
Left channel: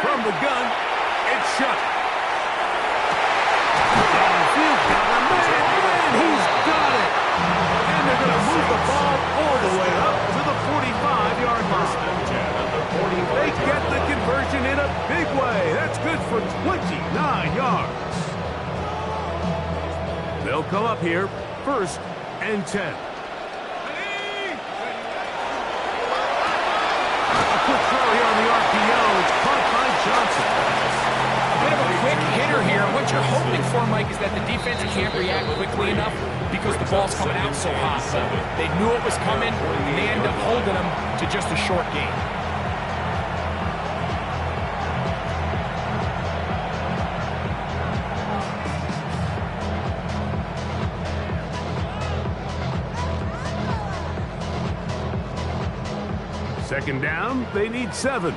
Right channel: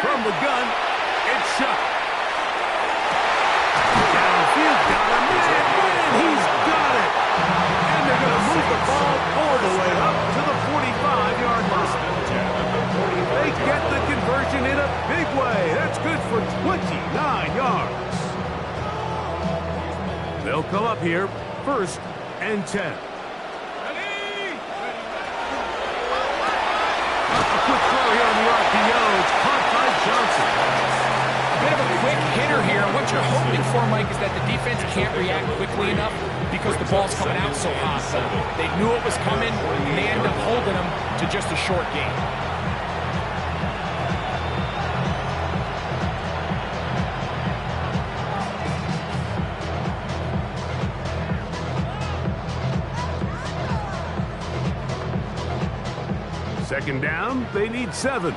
From the gun, it's Shuck. Downfield, got a man, and he's got it. And they're going to move the ball all the way up to the 45-yard line. They get the conversion in a big way. That's good for 29 yards. They'll come up here, 1st and 10. A quick throw here on the RPO. It's caught by Johnson. A bit of a quick hitter here. What you're hoping for, Mike, is that the defense can't react quickly enough because the ball's coming out so hot. But they knew it was coming, and they end up holding them to just a short gain. Second down, they need 7.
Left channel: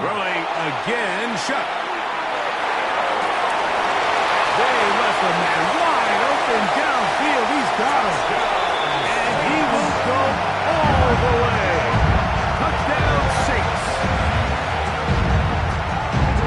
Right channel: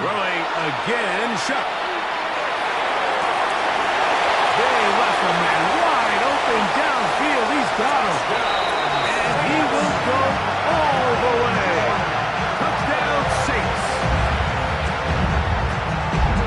Throwing again, Shuck. They left the man wide open downfield. He's got him. And he will go all the way. Touchdown, Saints.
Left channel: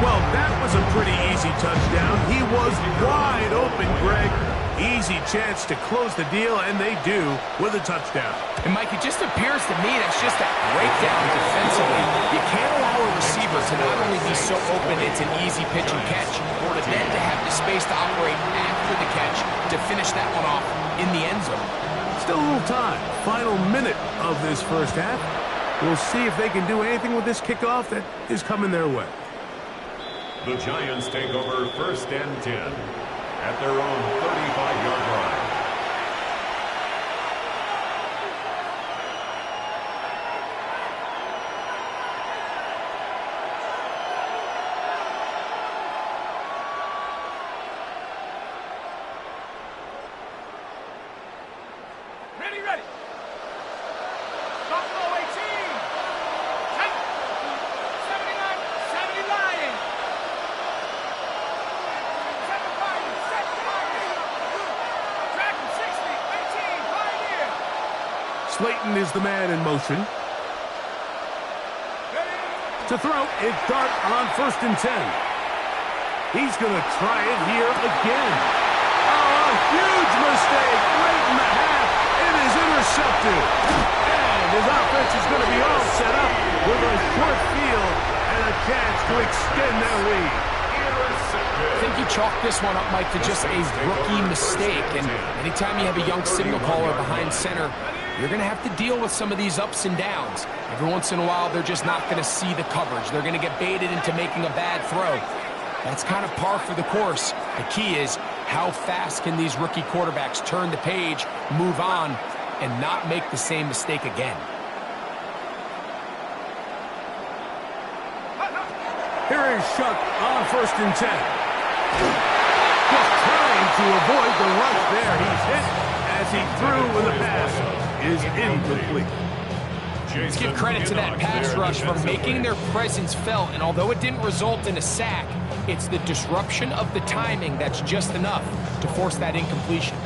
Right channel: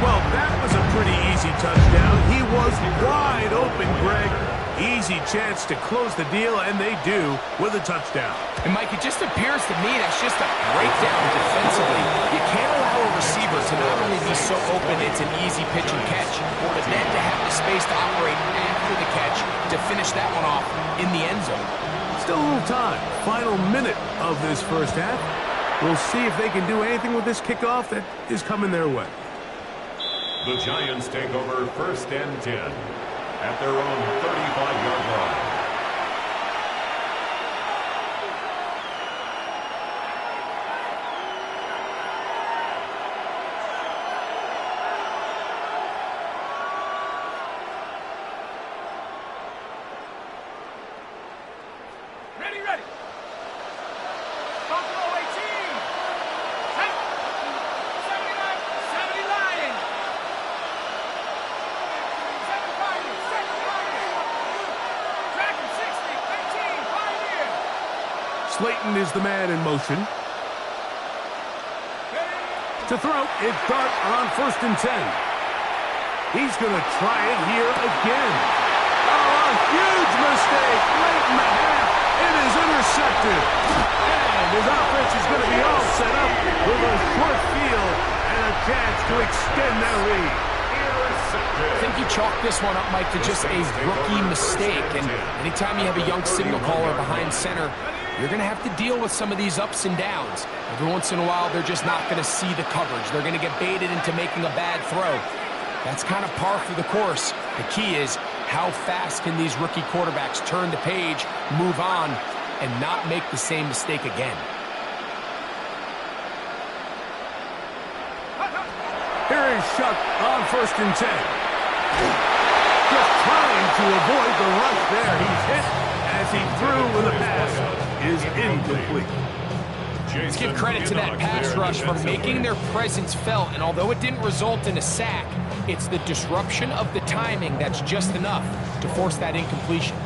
Well, that was a pretty easy touchdown. He was wide open, Greg. Easy chance to close the deal, and they do with a touchdown. And, Mike, it just appears to me that's just a breakdown defensively. You can't allow a receiver to not only be so open it's an easy pitch and catch, but then to have the space to operate after the catch to finish that one off in the end zone. Still a little time. Final minute of this first half. We'll see if they can do anything with this kickoff that is coming their way. The Giants take over 1st and 10 at their own 35-yard line. Ready. Buffalo 18. Set. 79. 70 Lions. 7 Pioneers. 7 Pioneers. Dragon 60. 18 Pioneer. Slayton is the man in motion. Ready. To throw, it's Dart on 1st and 10. He's going to try it here again. Oh, a huge mistake late in the half. It is intercepted. And his offense is going to be all set up with a short field and a chance to extend their lead. I think you chalk this one up, Mike, to just a rookie mistake. And anytime you have a young signal caller behind center, you're going to have to deal with some of these ups and downs. Every once in a while, they're just not going to see the coverage. They're going to get baited into making a bad throw. That's kind of par for the course. The key is how fast can these rookie quarterbacks turn the page, move on, and not make the same mistake again. Here is Shuck on 1st and 10. Just trying to avoid the rush there. He's hit as he threw and the pass is incomplete. Let's give credit to that pass rush for making their presence felt, and although it didn't result in a sack, it's the disruption of the timing that's just enough to force that incompletion.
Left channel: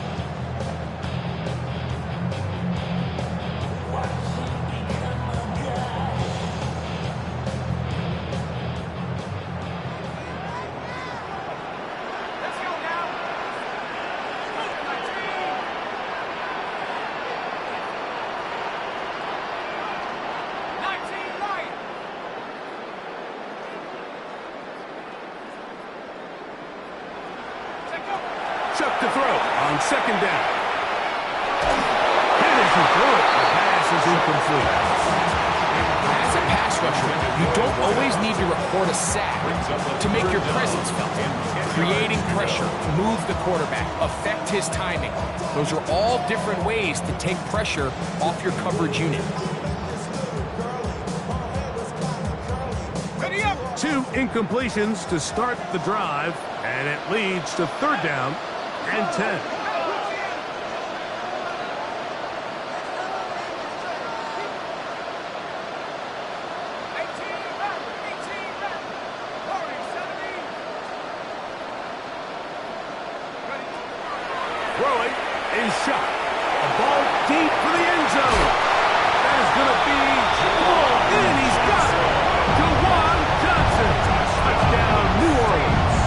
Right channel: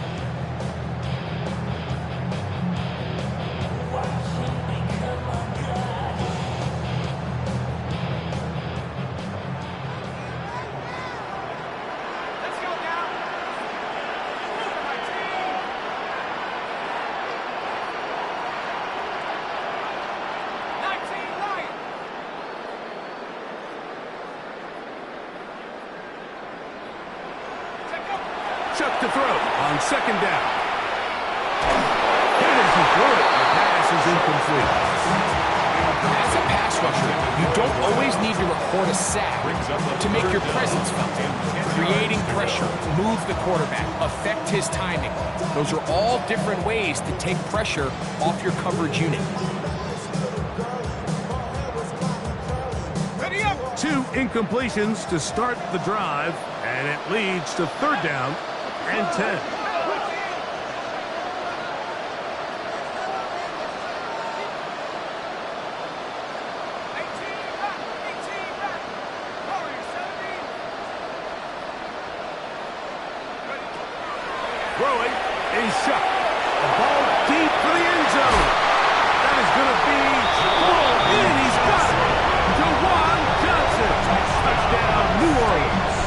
Let's go now. Move it, my team. 19 Lions. Chuck to throw on 2nd down. Hit as he threw it. The pass is incomplete. As a pass rusher, you don't always need to record a sack to make your presence felt. Creating pressure, move the quarterback, affect his timing. Those are all different ways to take pressure off your coverage unit. Ready up. 2 incompletions to start the drive, and it leads to 3rd down and 10. Throwing is Shuck. A ball deep for the end zone. That is going to be pulled in. He's got it. Jawan Johnson. Touchdown, New Orleans.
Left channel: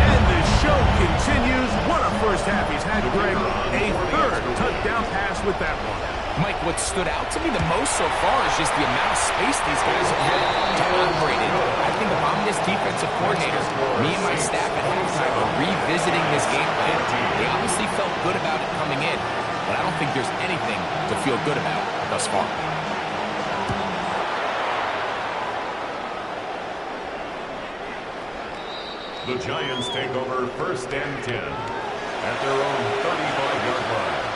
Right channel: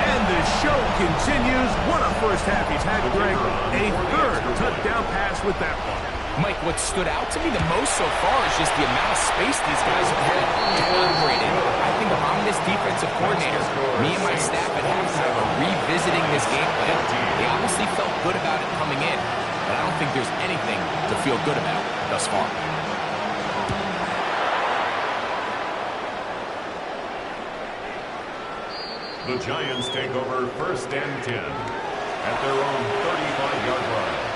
And the show continues. What a first half he's had, Greg. A 3rd touchdown pass with that one. Mike, what stood out to me the most so far is just the amount of space these guys have had to operate in. I think if I'm this defensive coordinator, me and my staff at halftime are revisiting this game plan. They obviously felt good about it coming in, but I don't think there's anything to feel good about thus far. The Giants take over 1st and 10 at their own 35-yard line.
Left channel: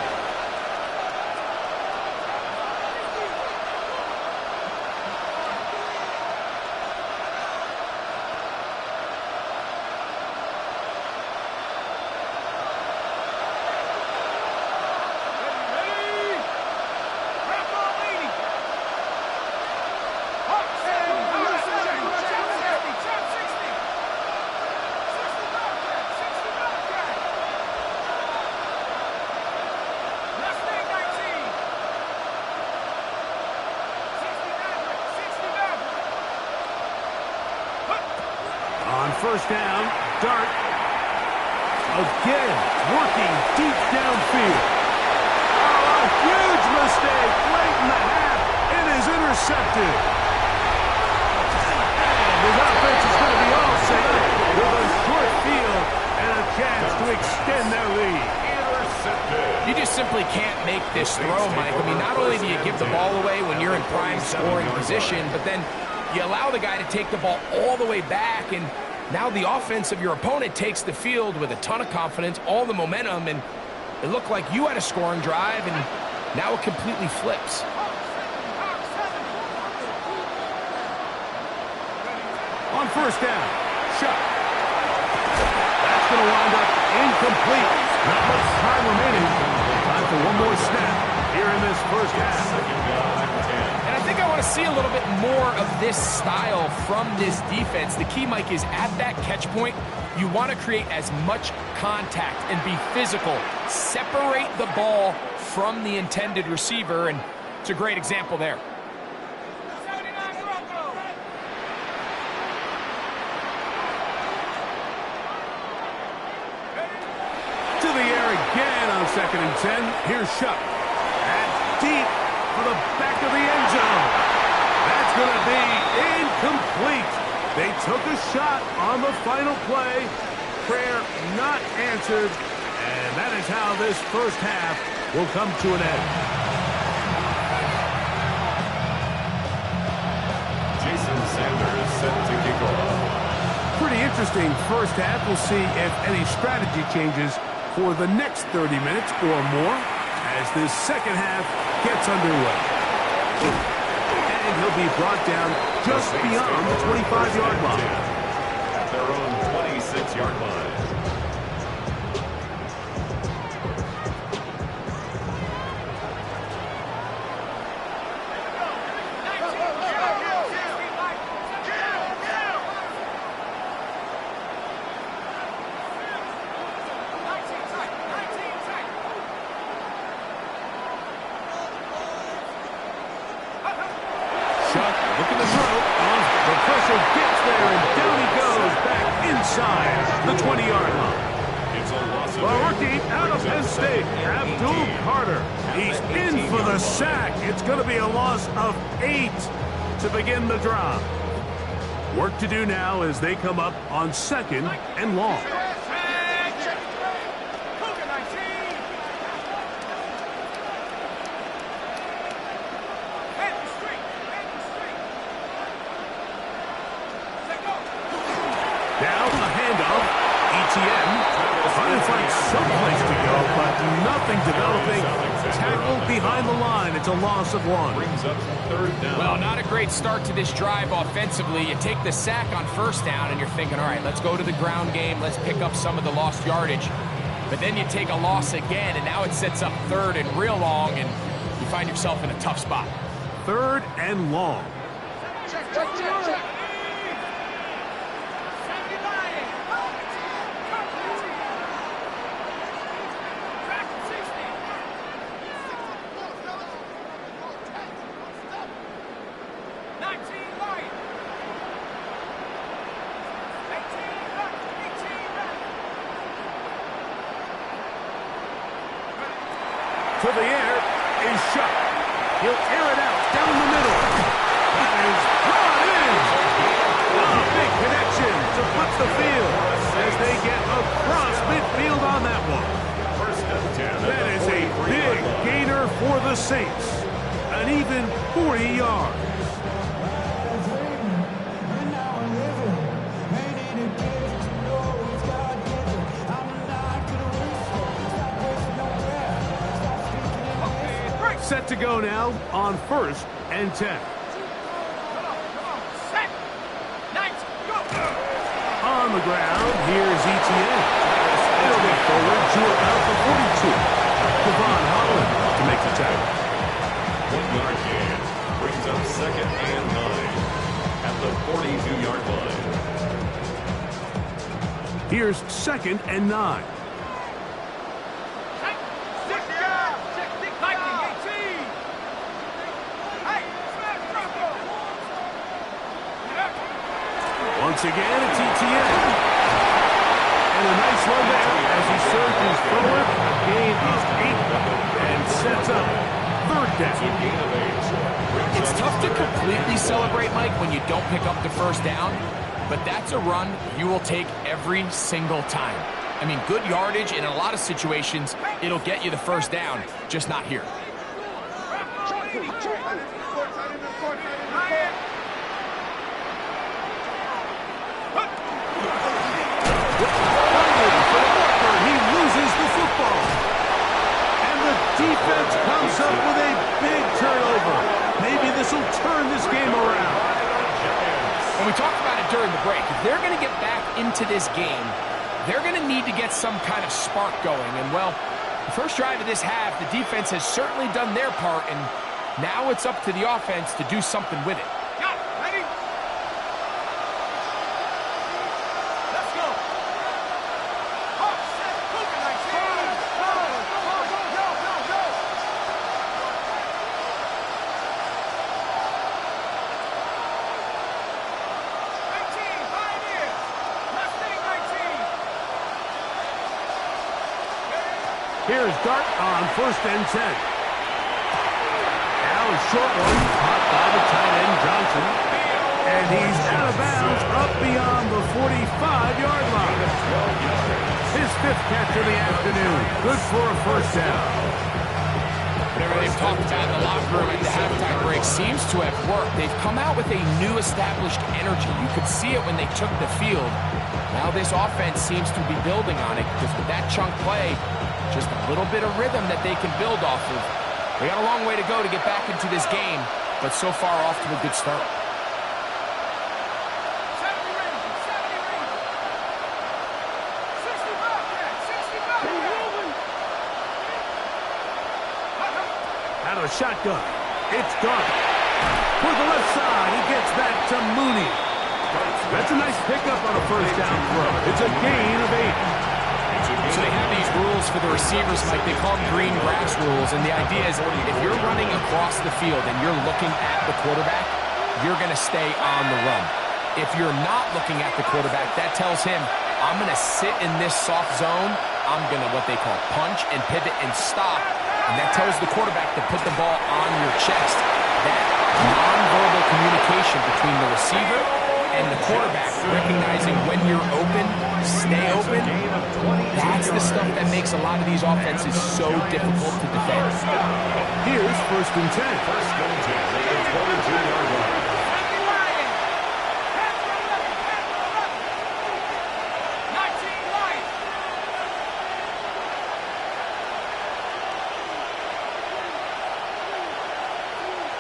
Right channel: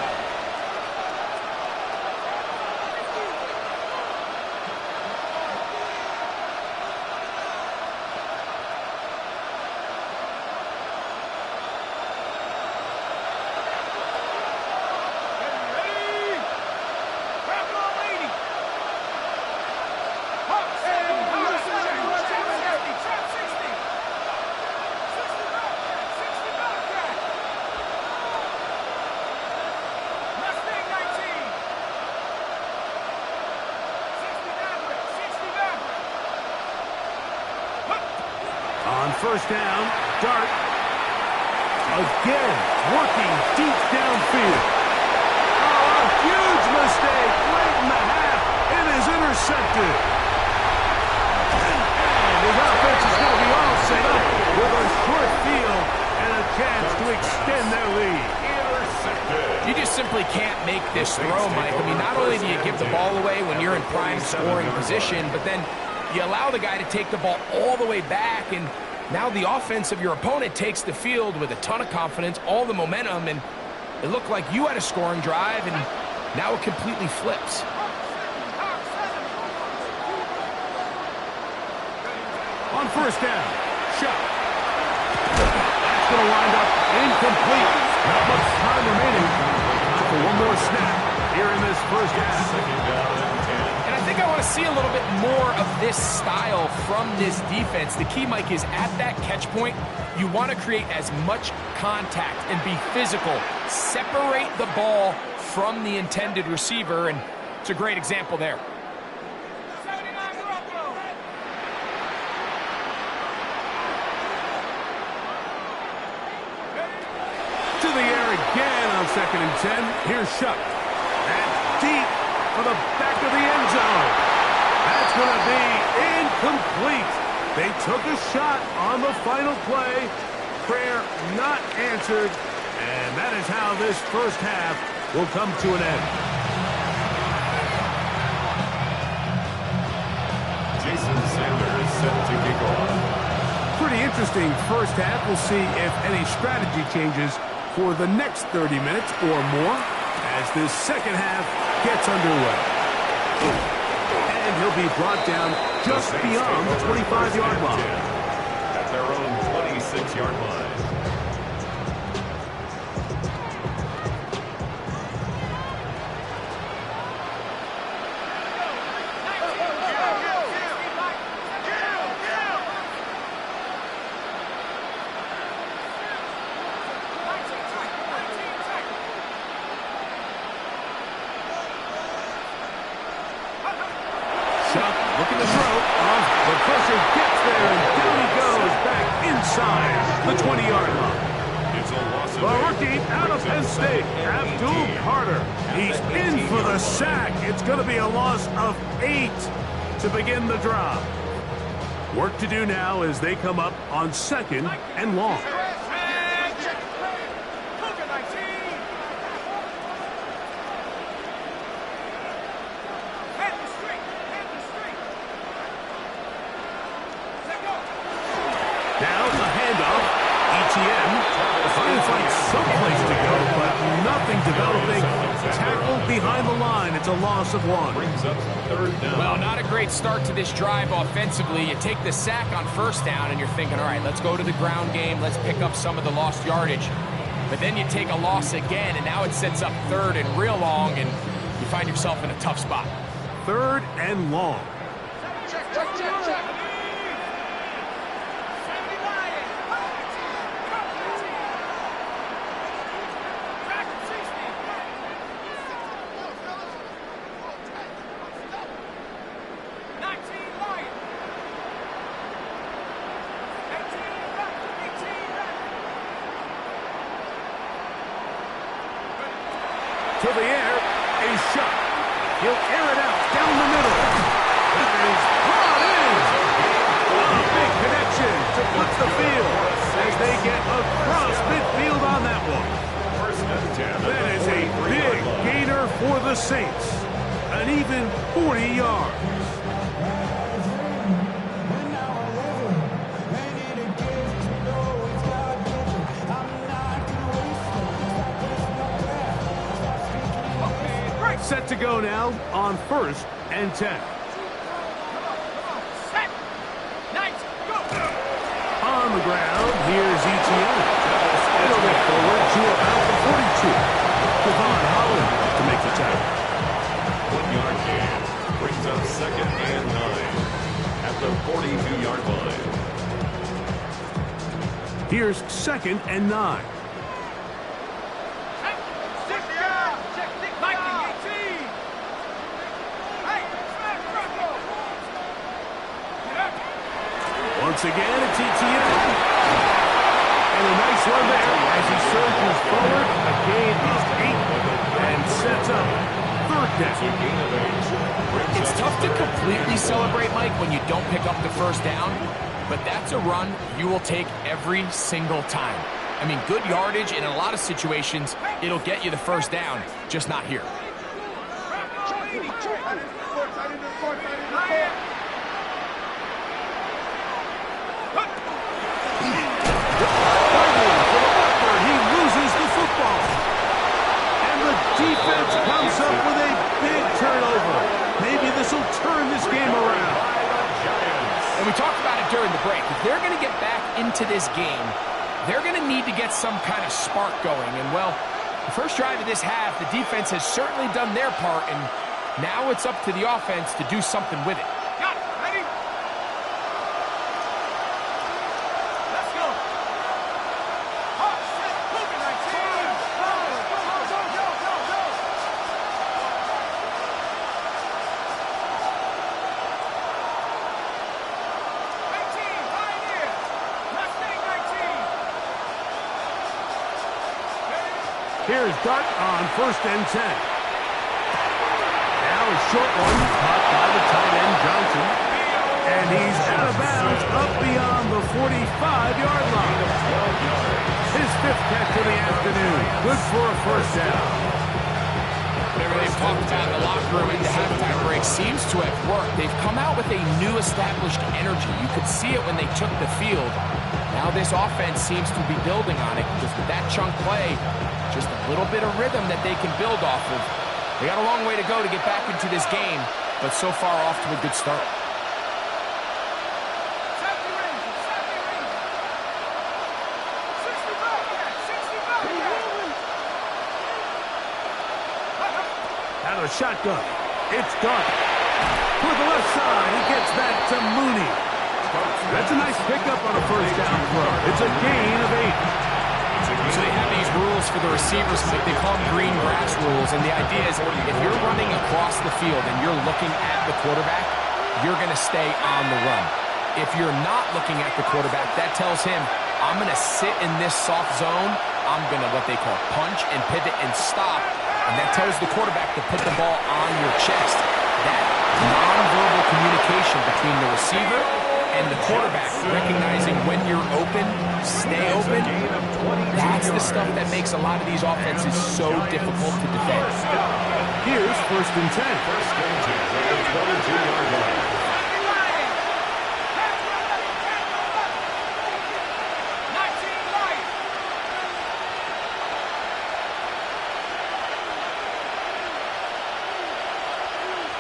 On 1st down, Dart again working deep downfield. Oh, a huge mistake late in the half. It is intercepted. And his offense is going to be all set up with a short field and a chance to extend their lead. Intercepted. You just simply can't make this throw, Mike. I mean, not only do you give the ball away when you're in prime scoring position, but then you allow the guy to take the ball all the way back, and now the offense of your opponent takes the field with a ton of confidence, all the momentum, and it looked like you had a scoring drive, and now it completely flips. On first down, Shuck. That's going to wind up incomplete. Not much time remaining. Time for one more snap here in this first half. Second down and 10. And I think I want to see a little bit more of this style from this defense. The key, Mike, is at that catch point, you want to create as much contact and be physical. Separate the ball from the intended receiver, and it's a great example there. To the air again on 2nd and 10. Here's Shuck. That's deep for the back of the end zone. That's going to be incomplete. They took a shot on the final play. Prayer not answered. And that is how this first half will come to an end. Jason Sanders set to kick off. Pretty interesting first half. We'll see if any strategy changes for the next 30 minutes or more as this second half gets underway. And he'll be brought down just beyond the 25-yard line. At their own 26-yard line. Shuck looking to throw. The pressure gets there, and down he goes back inside the 20-yard line. It's a loss of The rookie out of Penn State, Abdul Carter. He's in for the sack. It's going to be a loss of 8 to begin the drive. Work to do now as they come up on 2nd and long. Now a handoff. ETN trying to find someplace to go, but nothing developing. Tackle behind the line. It's a loss of 1. Brings up 3rd down. Well, not a great start to this drive offensively. You take the sack on first down, and you're thinking, all right, let's go to the ground game. Let's pick up some of the lost yardage. But then you take a loss again, and now it sets up 3rd and real long, and you find yourself in a tough spot. 3rd and long. Check, check, check, check. To the air is Shuck. He'll air it out down the middle. That is brought in. A big connection to flip the field as they get across midfield on that one. 1st and 10. That is a big gainer for the Saints. An even 40 yards. Set to go now on 1st and 10. Come on, set. Nice, go. On the ground, here's ETN. It'll get forward to about the 42. Devon Holland to make the tackle. 1-yard gain. Brings up 2nd and 9. At the 42-yard line. Here's 2nd and 9. Once again, it's ETN. And a nice run there as he surges forward. A gain of 8 and sets up 3rd down. A gain of 8. It's tough to completely celebrate, Mike, when you don't pick up the first down, but that's a run you will take every single time. I mean, good yardage, and in a lot of situations, it'll get you the first down, just not here. Fighting for the marker, he loses the football. And the defense comes up with a big turnover. Maybe this will turn this game around. And we talked about it during the break. If they're going to get back into this game, they're going to need to get some kind of spark going. And, well, the first drive of this half, the defense has certainly done their part, and now it's up to the offense to do something with it. Got it. Ready? Let's go. Hawk, set, Cougar 19. Go, go, go, go, go, go, go. 19, Pioneers. Mustang 19. Here's Dart on 1st and 10. Now a short one, caught by the tight end Johnson. And he's out of bounds up beyond the 45-yard line. His 5th catch of the afternoon. Good for a first down. Whatever they've talked about in the locker room at the halftime break seems to have worked. They've come out with a new established energy. You could see it when they took the field. Now this offense seems to be building on it, because with that chunk play, just a little bit of rhythm that they can build off of. They got a long way to go to get back into this game, but so far off to a good start. 70 Rangers, 70 Rangers. 60 Bobcats, 60 Bobcats. Out of the shotgun. It's Dart. For the left side, he gets that to Mooney. That's a nice pickup on a first down throw. It's a gain of 8. So they have these rules for the receivers, Mike. They call them green grass rules, and the idea is if you're running across the field and you're looking at the quarterback, you're going to stay on the run. If you're not looking at the quarterback, that tells him, I'm going to sit in this soft zone, I'm going to what they call punch and pivot and stop, and that tells the quarterback to put the ball on your chest. That nonverbal communication between the receiver and the quarterback, recognizing when you're open, stay open, that's the stuff that makes a lot of these offenses so difficult to defend. Here's 1st and 10. 1st and 10 at the 22-yard line. 70 Lions. Pass for 11, pass for 11. 19 Lions.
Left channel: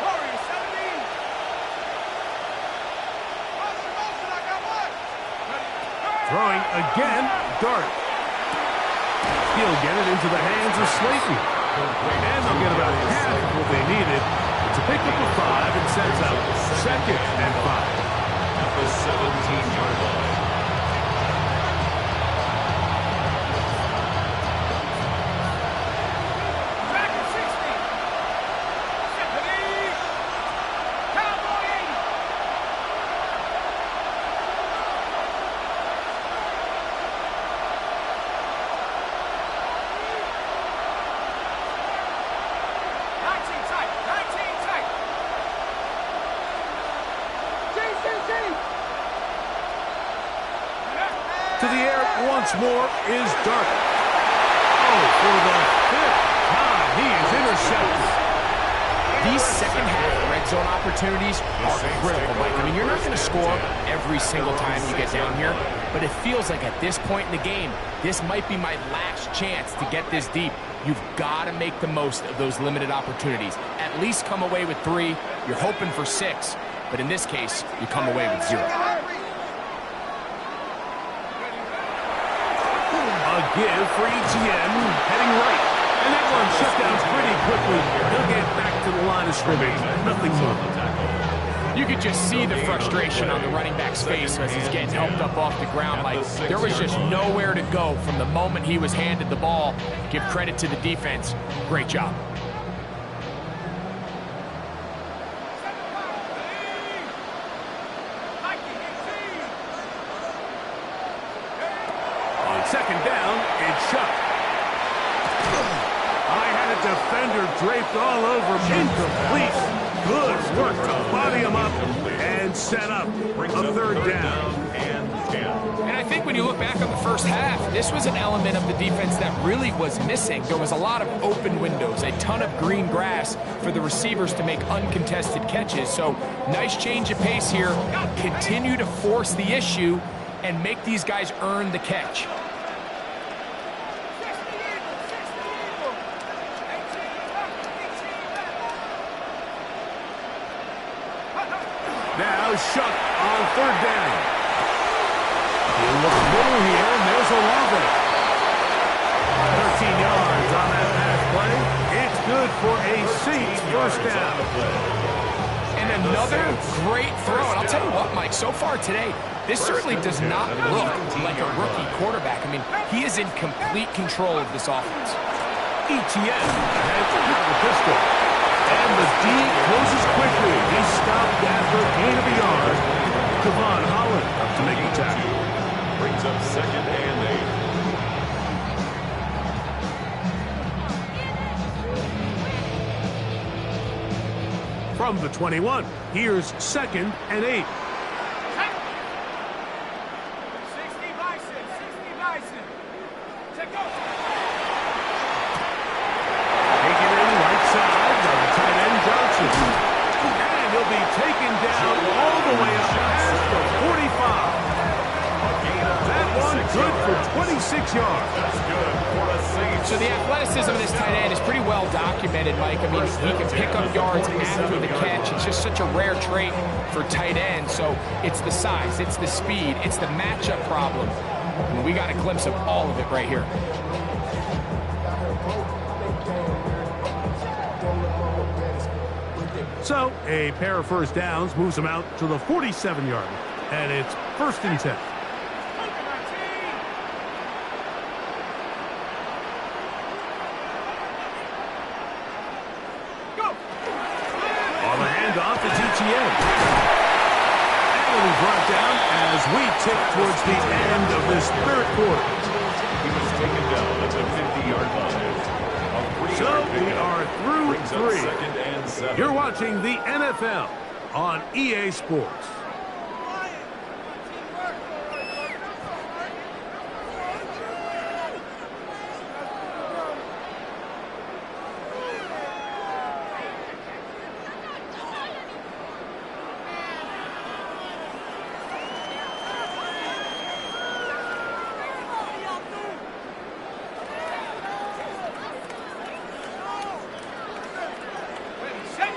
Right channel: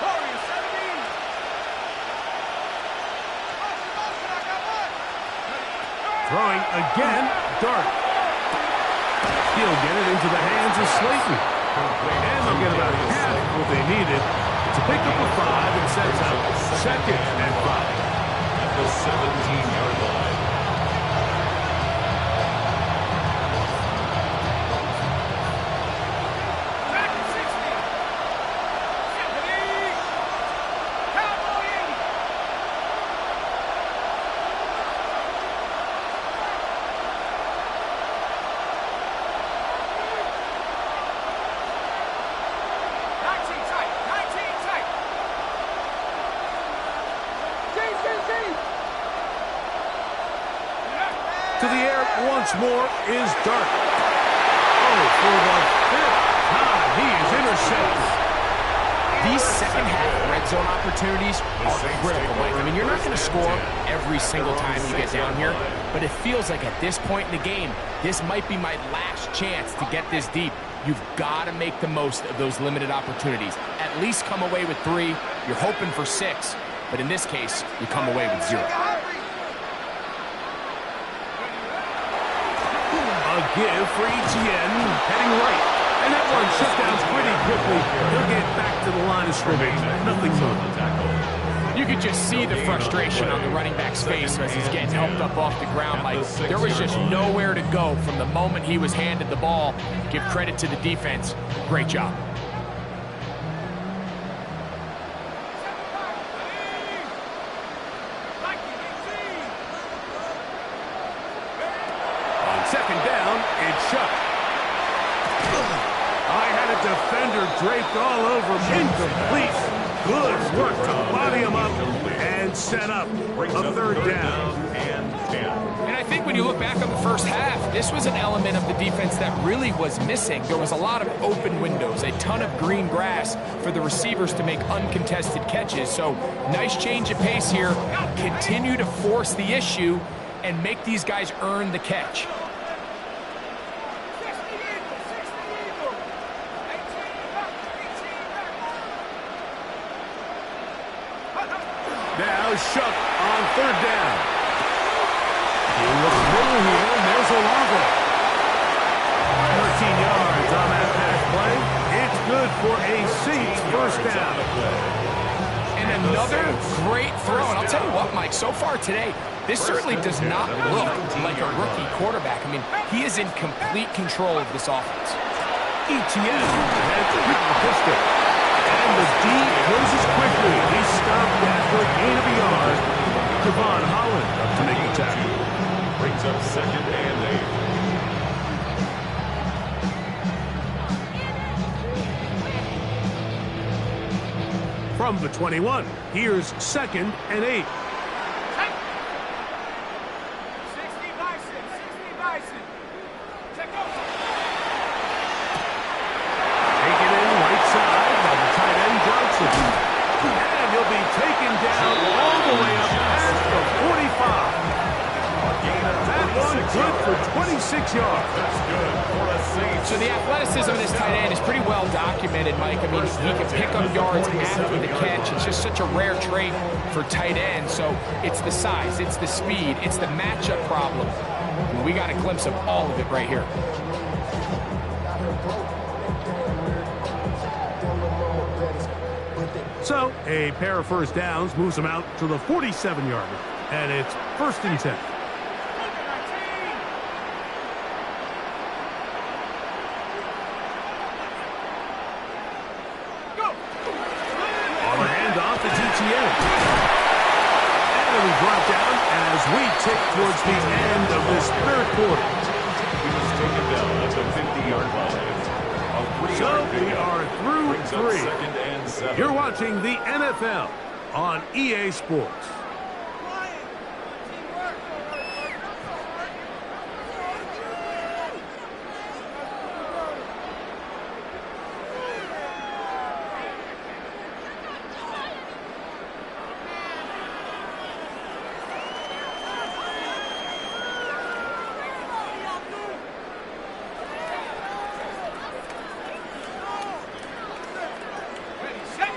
Warriors, 17. Motion, I got one. Throwing again, Dart. He'll get it into the hands of Slayton. And they'll get about half of what they needed. It's a pickup of 5 and sets up 2nd and 5. At the 17-yard line. Back at 60. 70. Cowboy 80. To the air once more is Dart. Oh, for the 5th time, he is intercepted. These second half red zone opportunities are critical, Mike. I mean, you're not going to score every single time you get down here, but it feels like at this point in the game, this might be my last chance to get this deep. You've got to make the most of those limited opportunities. At least come away with 3. You're hoping for 6, but in this case, you come away with 0. A give for Etienne, heading right. And that one shut down pretty quickly. He'll get back to the line of scrimmage. Nothing more. You could just see the frustration on the running back's face as he's getting helped up off the ground. Like, there was just nowhere to go from the moment he was handed the ball. Give credit to the defense. Great job. On 2nd down, it's Chuck. I had a defender draped all over me. Incomplete. Good work to body him up and set up a third down. And I think when you look back on the first half, this was an element of the defense that really was missing. There was a lot of open windows, a ton of green grass for the receivers to make uncontested catches. So nice change of pace here. Continue to force the issue and make these guys earn the catch. Now Shuck on third down. He looks middle here, and there's Olave. 13 yards on that pass play. It's good for a Saints first down. And another great throw. And I'll tell you what, Mike, so far today, this certainly does not look like a rookie quarterback. I mean, he is in complete control of this offense. ETN ahead out of the pistol. And the D closes quickly. He stopped after a gain of a yard. Kevon Holland up to make the tackle. Brings up 2nd and 8. From the 21, here's 2nd and 8. 60 Bison, 60 Bison. Check out. Taken in right side by the tight end Johnson. And he'll be taken down all the way up past the 45. That one good for 26 yards. That's good for a Saints. So the athleticism of this tight end is pretty well documented, Mike. I mean, he can pick up yards after the catch. It's just such a rare trait for tight end. So it's the size, it's the speed, it's the matchup problem. And we got a glimpse of all of it right here. So a pair of first downs moves him out to the 47-yard line. And it's 1st and 10. On the handoff, it's ETN. And it'll be brought down as we tick towards the end of this third quarter. He was taken down at the 50-yard line. So we are through 3. 2nd and 7. You're watching the NFL on EA Sports.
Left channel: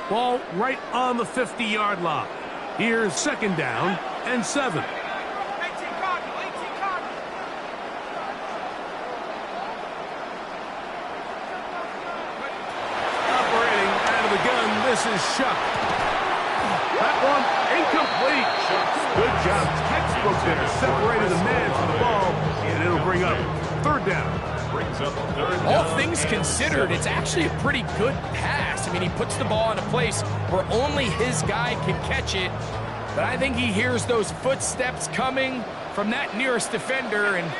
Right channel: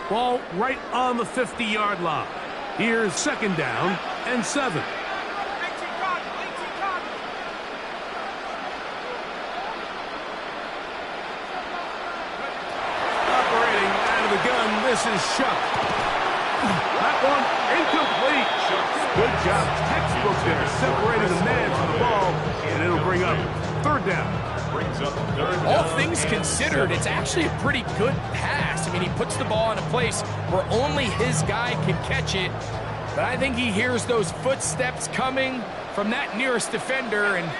Ball right on the 50-yard line. Here's 2nd down and 7. 18 Cardinal, 18 Cardinal. Operating out of the gun, this is Shuck. That one incomplete. Good job, textbook there, separating the man from the ball, and it'll bring up 3rd down. All things considered, it's actually a pretty good pass. I mean, he puts the ball in a place where only his guy can catch it. But I think he hears those footsteps coming from that nearest defender, and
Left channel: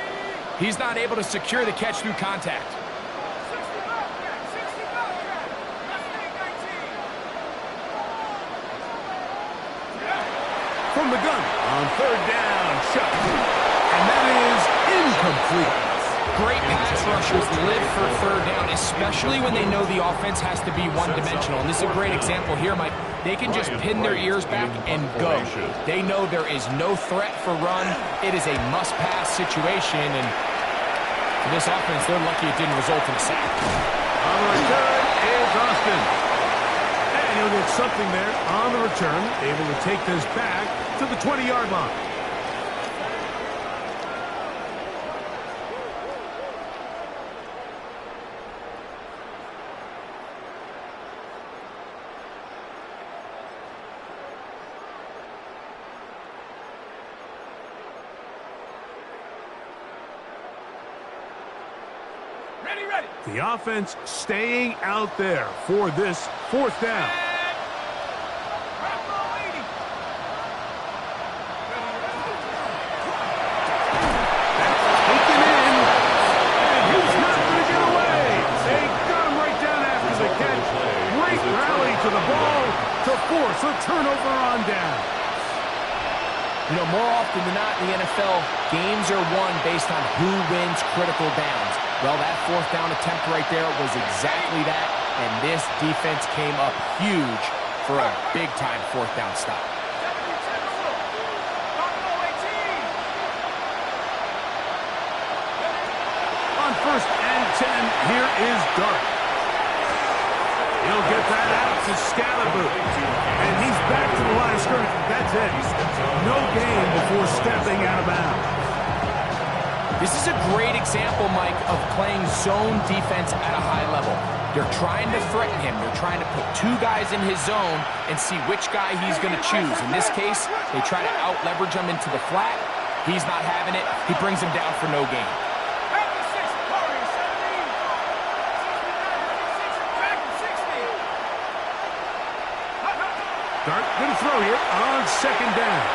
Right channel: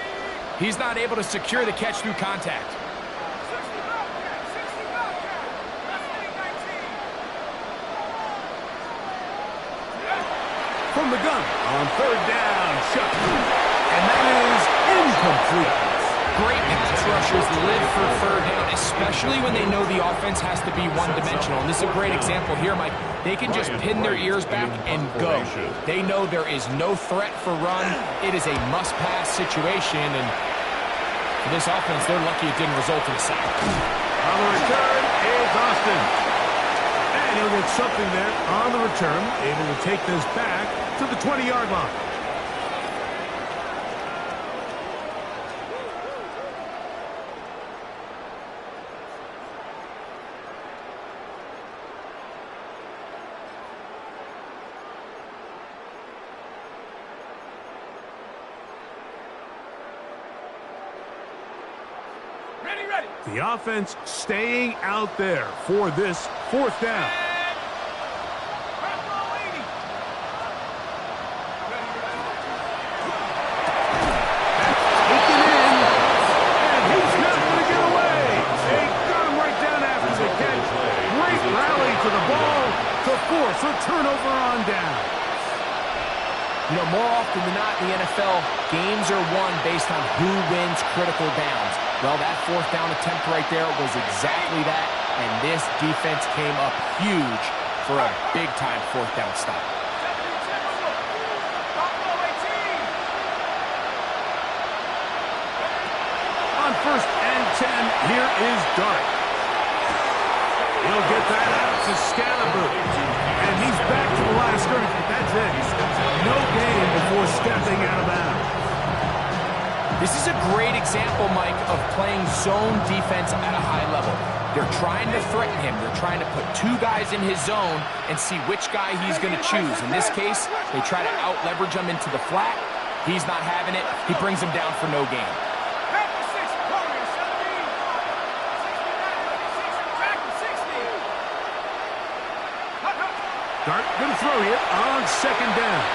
he's not able to secure the catch through contact. 60 Bobcat, 60 Bobcat. Mustang 19. From the gun on 3rd down, Shuck. And that is incomplete. Great pass rushers live for 3rd down, especially when they know the offense has to be one-dimensional. And this is a great example here, Mike. They can just pin their ears back and go. They know there is no threat for run. It is a must-pass situation, and for this offense, they're lucky it didn't result in a sack. On the return is Austin. And he'll get something there on the return, able to take this back to the 20-yard line. Ready. The offense staying out there for this 4th down. That's taken in, and he's not going to get away. They got him right down after the catch. Great rally to the ball to force a turnover on down. You know, more often than not in the NFL, games are won based on who wins critical downs. Well, that fourth down attempt right there was exactly that, and this defense came up huge for a big-time fourth down stop. On 1st and 10, here is Dart. He'll get that out to Scalaboo. And he's back to the line of scrimmage, but that's it. No gain before stepping out of bounds. This is a great example, Mike, of playing zone defense at a high level. They're trying to threaten him. They're trying to put two guys in his zone and see which guy he's going to choose. In this case, they try to out-leverage him into the flat. He's not having it. He brings him down for no gain. Dart going to throw here on 2nd down.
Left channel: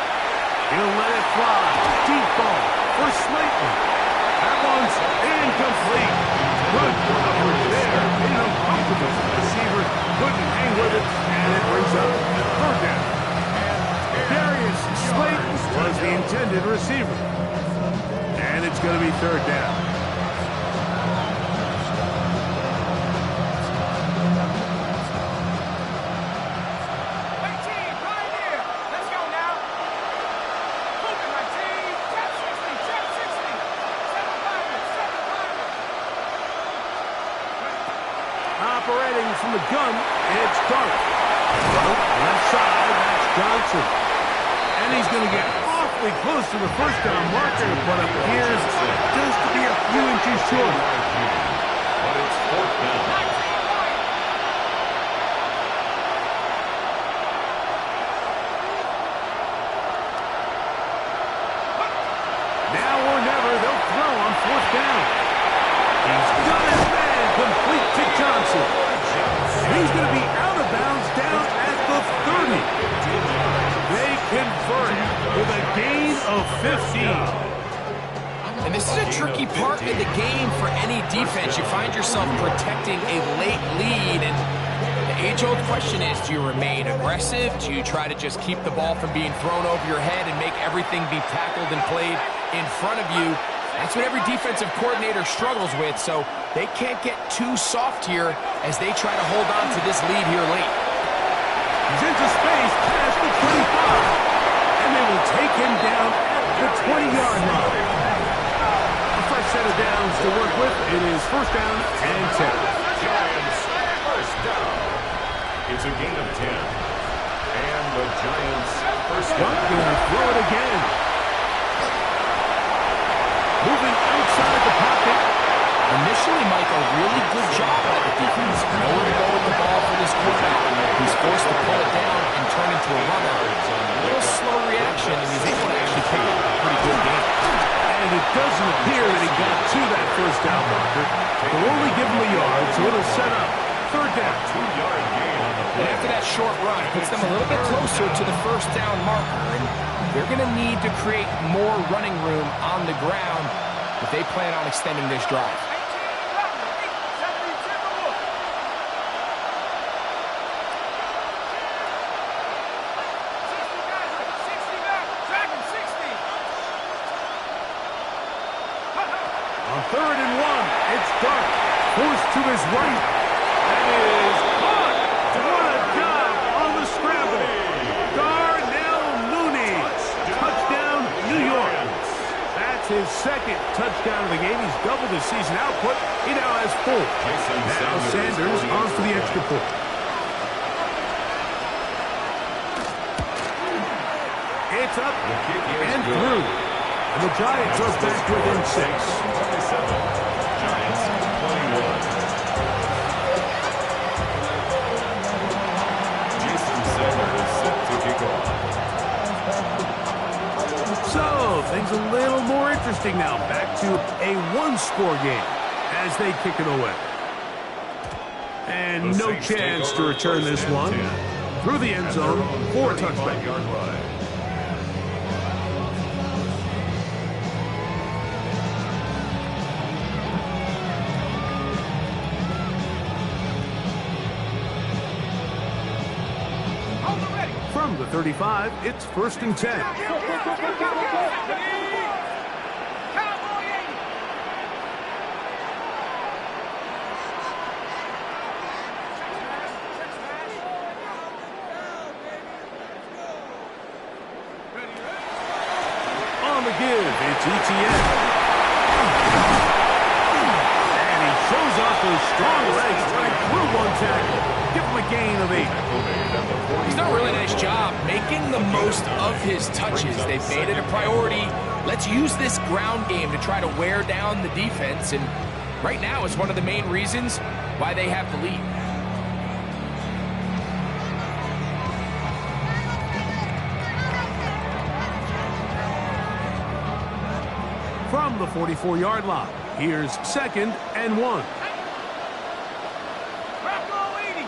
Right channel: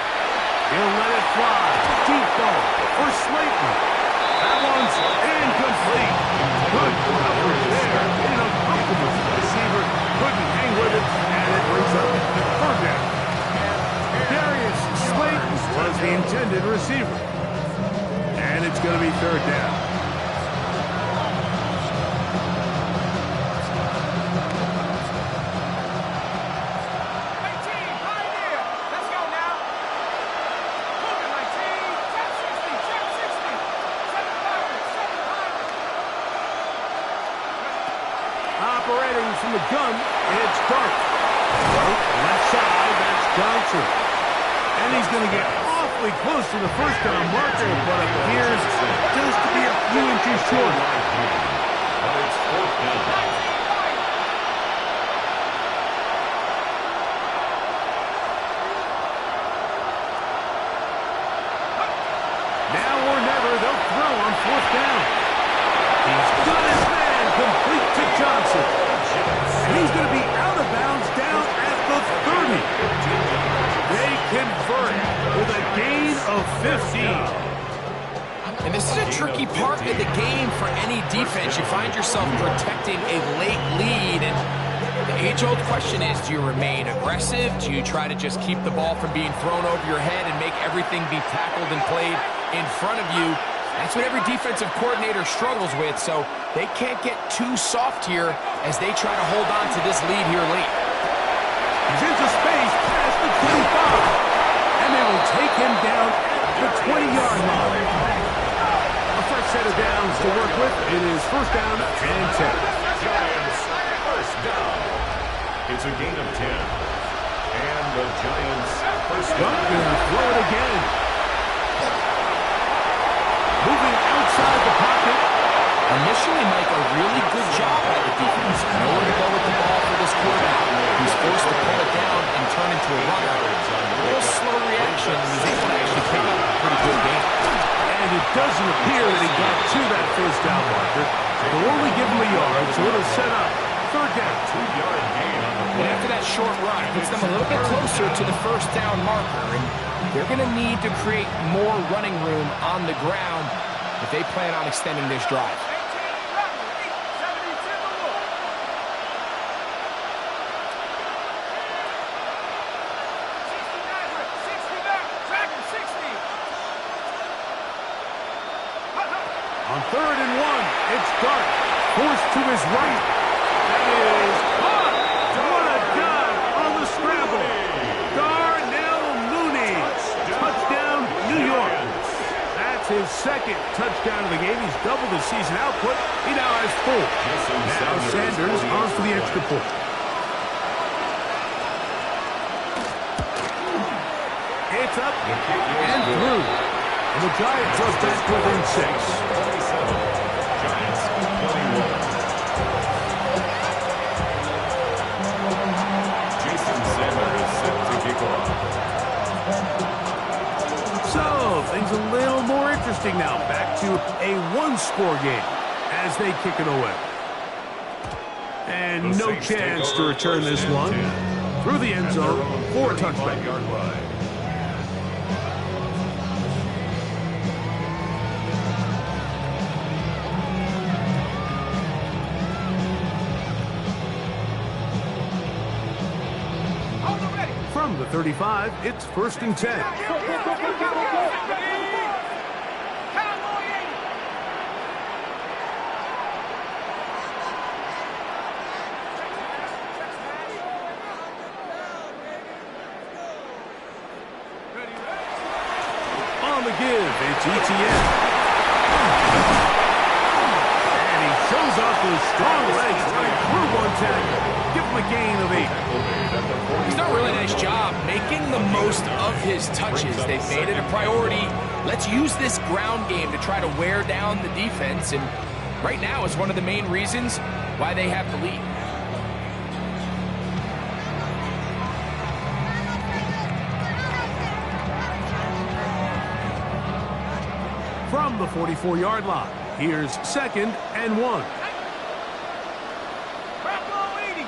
He'll let it fly. Deep ball for Slayton. That one's incomplete. Good coverage there. An uncomfortable receiver couldn't hang with it, and it brings up 3rd down. Darius Slayton was the intended receiver. And it's going to be 3rd down. Operating from the gun, it's Dart. Left side, that's Johnson. And he's going to get awfully close to the 1st down marker, but appears just to be a few inches short. But it's 4th down. Now or never, they'll throw on 4th down. He's got his man complete to Johnson. And he's going to be out of bounds down at the 30. They convert with a gain of 15. And this is a tricky part of the game for any defense. You find yourself protecting a late lead, and the age-old question is, do you remain aggressive? Do you try to just keep the ball from being thrown over your head and make everything be tackled and played in front of you? That's what every defensive coordinator struggles with, so they can't get too soft here as they try to hold on to this lead here late. He's into space past the 25, and they will take him down at the 20-yard line. A fresh set of downs to work with. It is 1st down and 10. Giants, 1st down. It's a gain of 10. And the Giants, 1st down. Going to throw it again. Moving outside the pocket. Initially, Mike, a really good job by the defense. Nowhere to go with the ball for this quarterback. He's forced to pull it down and turn into a runner. A little slow reaction, and he's able to actually pick up a pretty good game. And it doesn't appear that he got to that 1st down marker. They'll only give him a yard, so it'll set up 3rd down. 2-yard gain on the And play. after that short run, it puts them a little bit closer to the 1st down marker, and they're going to need to create more running room on the ground if they plan on extending this drive. On 3rd and 1, it's Dart. Forced to his right. That is caught. What a job on the scramble. Darnell Mooney. Touchdown, New York. That's his 2nd touchdown of the game. He's doubled his season output. He now has 4. Now Sanders on for the extra point. It's up and through. And the Giants are back within 6. 27. Giants, 21. Jason Sanders is set to kick off. So, things a little more interesting now. Back to a 1-score game as they kick it away. And no chance to return this one. Through the end zone for a touchback. On the From the 35, it's 1st and 10. Cowboy 80. Check smash. Ready, ready. On the give, it's ETN. And he shows off those strong legs running through one tackle. Give him a gain of 8. He's done a really nice job making the most of his touches. They've made it a priority. Let's use this ground game to try to wear down the defense. And right now, it's one of the main reasons why they have the lead. From the 44-yard line, here's 2nd and 1. Bronco 80.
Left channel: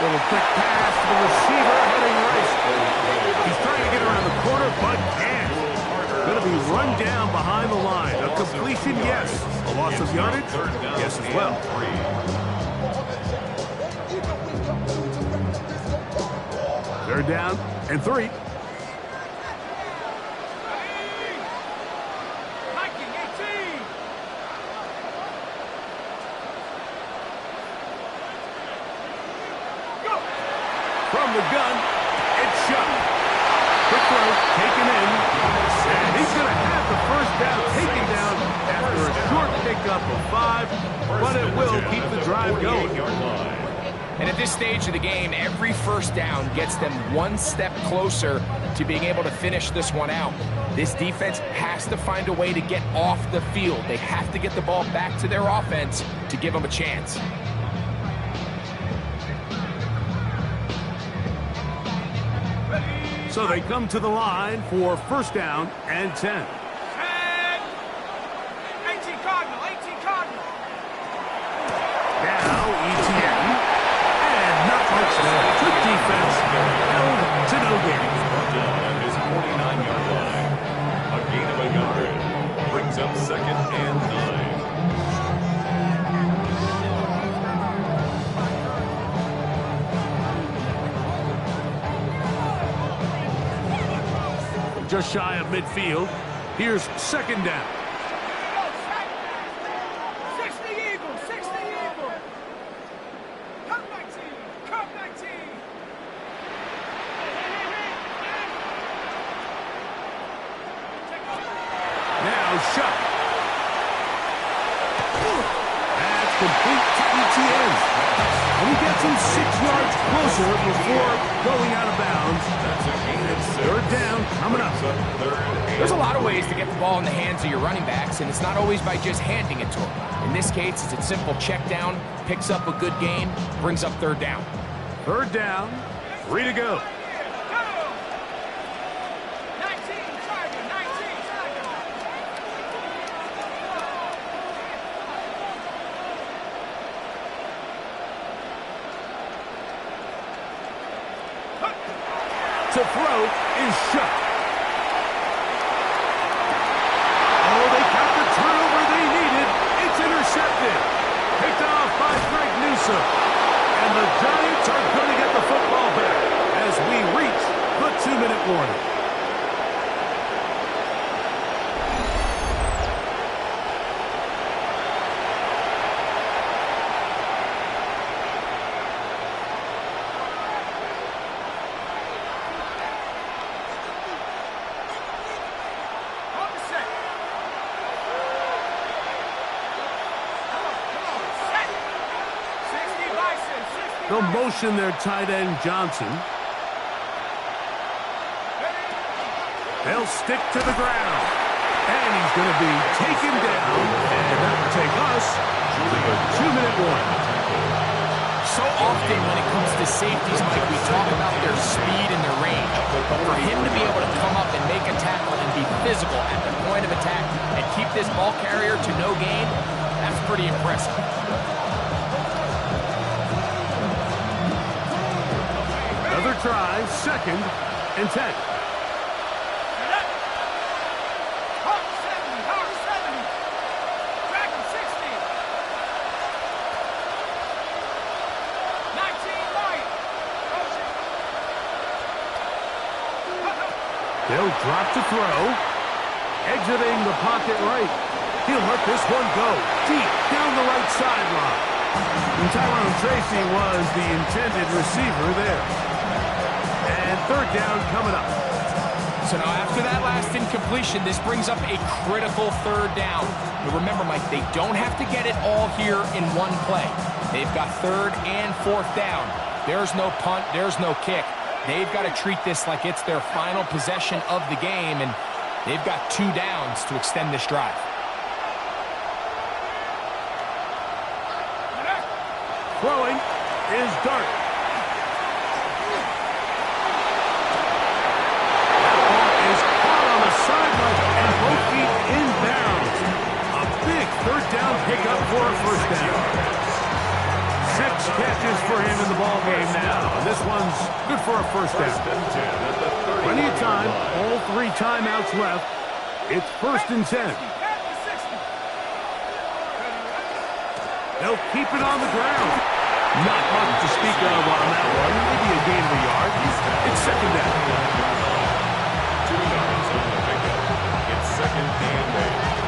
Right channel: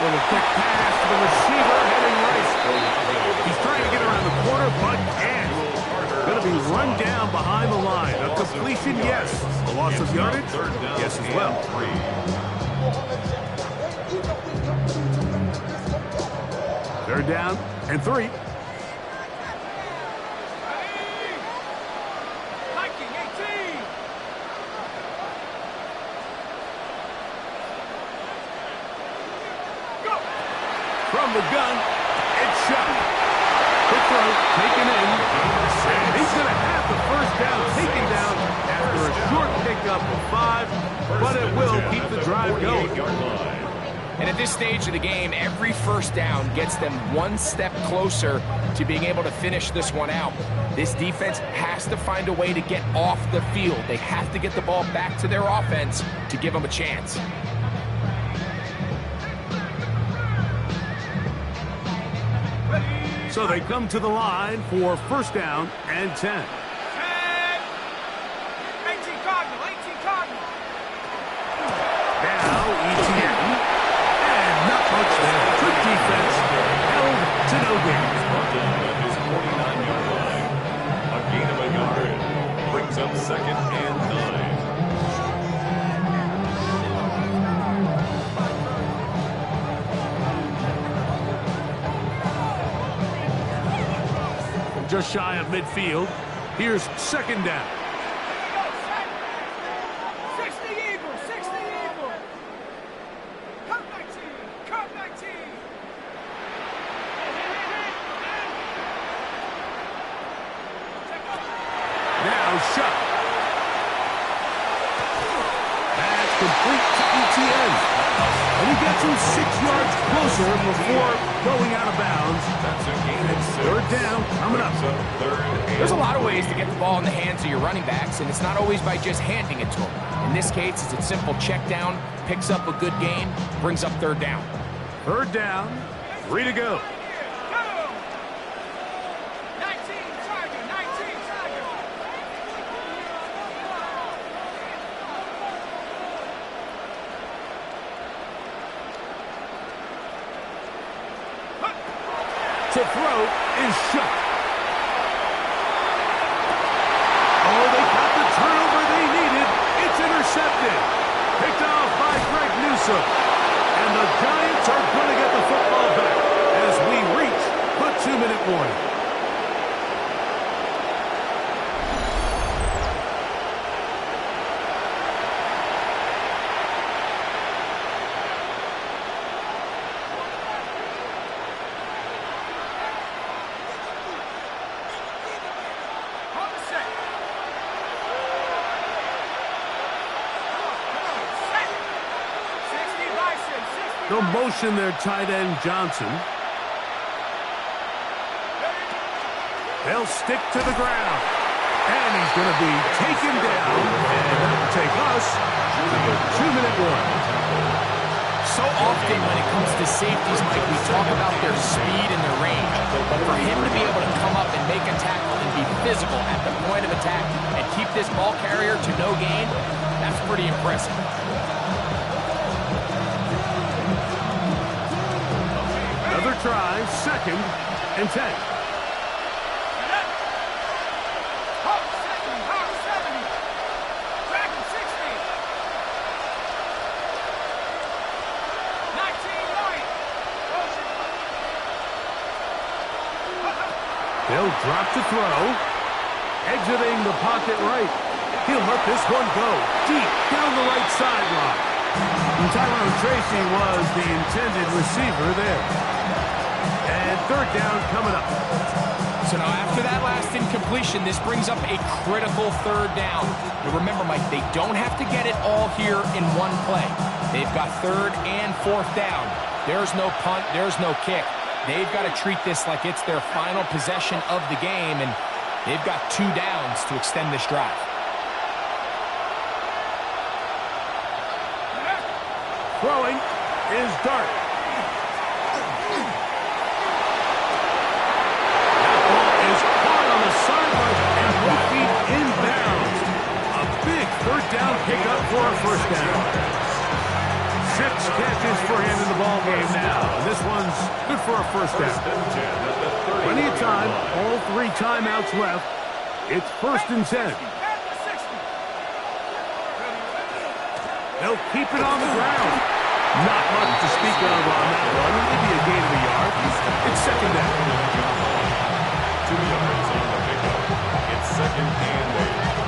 Little quick pass to the receiver, heading right. He's trying to get around the corner, but can't. Going to be run down behind the line. A completion, yes. A loss of yardage, yes as well. 3rd down and 3. Viking 18. Go. From the gun, it's shot. Quick throw, taken in. And he's going to have the 1st down taken down after a short pickup of 5, but it will keep the drive going. And at this stage of the game, every 1st down gets them one step closer to being able to finish this one out. This defense has to find a way to get off the field. They have to get the ball back to their offense to give them a chance. So they come to the line for 1st down and 10. 18 Cardinal, 18 Cardinal. Now ETN. And not much there. Good defense. Held to no gain. Brought down at his 49-yard line. A gain of a yard. Brings up 2nd and 9. Just shy of midfield. Here's 2nd down. 60 Eagles, 60 Eagles. Come 19, come 19. Now shot. That's complete to ETN. And he gets him 6 yards closer before going out of bounds. That's a gain of 6. 3rd down coming up. There's a lot of ways to get the ball in the hands of your running backs, and it's not always by just handing it to them. In this case, it's a simple check down, picks up a good gain, brings up 3rd down. 3rd down, 3 to go. Go. 19 Tiger, 19 Tiger. To throw is shut. Oh, they got the turnover they needed. It's intercepted. Picked off by Greg Newsome. And the Giants are going to get the football back as we reach the 2-minute warning. On the set. Come on, set. 60 Bison, 60 They'll Bison. motion their tight end Johnson. They'll stick to the ground. And he's going to be taken down. And that will take us to the 2-minute warning. So often when it comes to safeties, Mike, we talk about their speed and their range. But for him to be able to come up and make a tackle and be physical at the point of attack and keep this ball carrier to no gain, that's pretty impressive. Another try, 2nd and 10. Hawk 70, Hawk 70. They'll drop to throw. Exiting the pocket right. He'll let this one go deep down the right sideline. And Tyrone Tracy was the intended receiver there. And third down coming up. So now after that last incompletion, this brings up a critical third down. But remember, Mike, they don't have to get it all here in one play. They've got third and fourth down. There's no punt, there's no kick. They've got to treat this like it's their final possession of the game, and they've got 2 downs to extend this drive. Throwing is Dart. That ball is caught on the sideline and both feet inbounds. A big third down pickup for a first down. 6 catches for him in the ball game now. And this one's good for a first down. Plenty of time. All 3 timeouts left. It's 1st and 10. They'll keep it on the ground. Not much to speak of on that one. Maybe a gain of a yard. It's 2nd down. 2 yards on the pickup. It's 2nd and 8.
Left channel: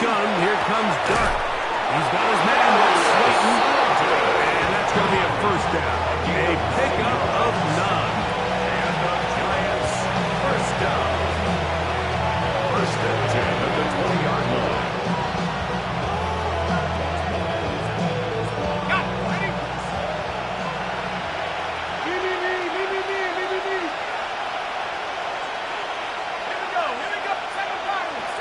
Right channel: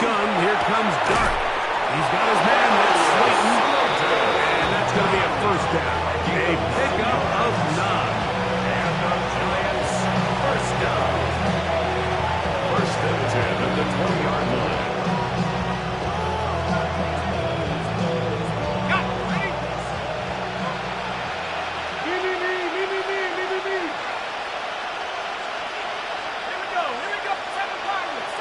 Gun, here comes Dart. He's got his man, that's Slayton, and that's going to be a first down. A pickup of 9. And the Giants, first down. 1st and 10 at the 20-yard line. Got it, ready? Me. Here we go. 7 fireworks.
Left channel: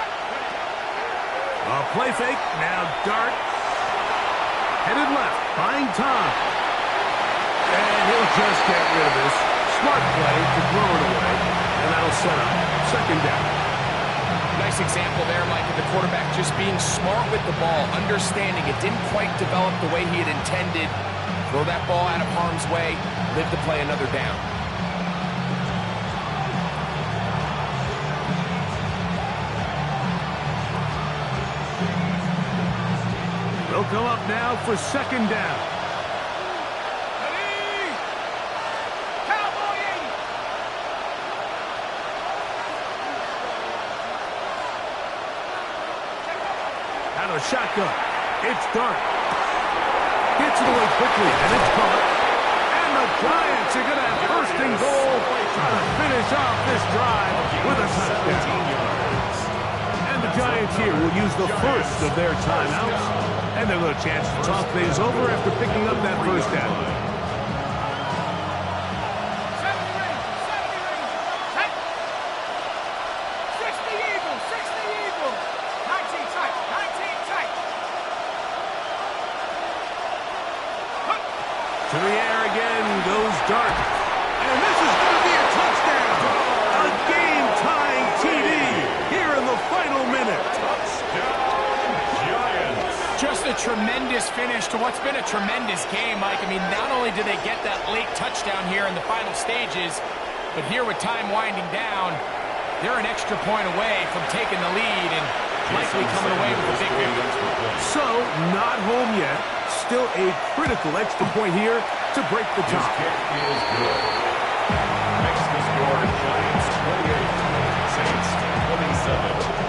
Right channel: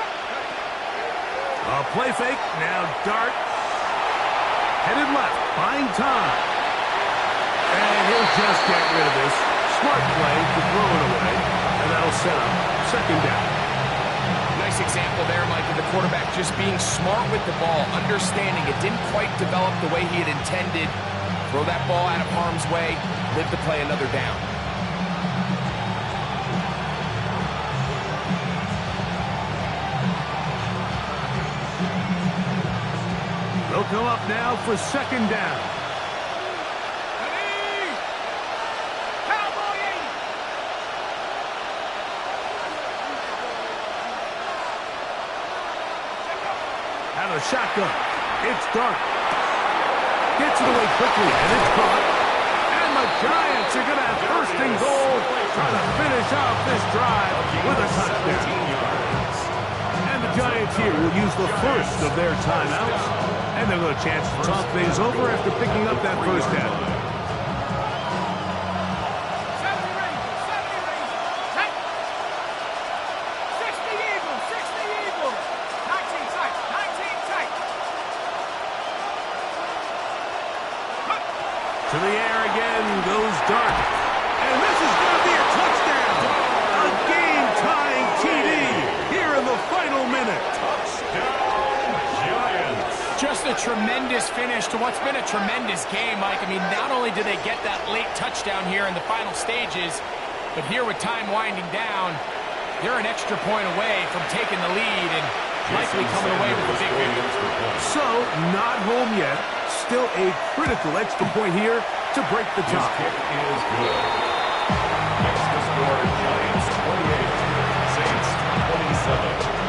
A play fake, now Dart. Headed left, buying time. And he'll just get rid of this. Smart play to throw it away. And that'll set up 2nd down. Nice example there, Mike, of the quarterback just being smart with the ball, understanding it didn't quite develop the way he had intended. Throw that ball out of harm's way, live to play another down. They'll come up now for 2nd down. Ready? Cowboy 80. Out of shotgun. It's Dart. Gets it away quickly, and it's caught. And the Giants are going to have 1st and goal, trying to finish off this drive with a touchdown. And the Giants here will use the first of their timeouts. And they'll get a chance to talk things over after picking up that first down. 70 Rangers. 60 Eagles. 19 tight. To the air again goes Dart. And this is going to be a touchdown. A game-tying TD here in the final minute. Touchdown, Giants. Just a tremendous finish to what's been a tremendous game, Mike. I mean, not only did they get that late touchdown here in the final stages, but here with time winding down, they're an extra point away from taking the lead and likely coming away with a big victory. So, not home yet. Still a critical extra point here to break the His tie. kick is good. Makes the score Giants 28, Saints 27.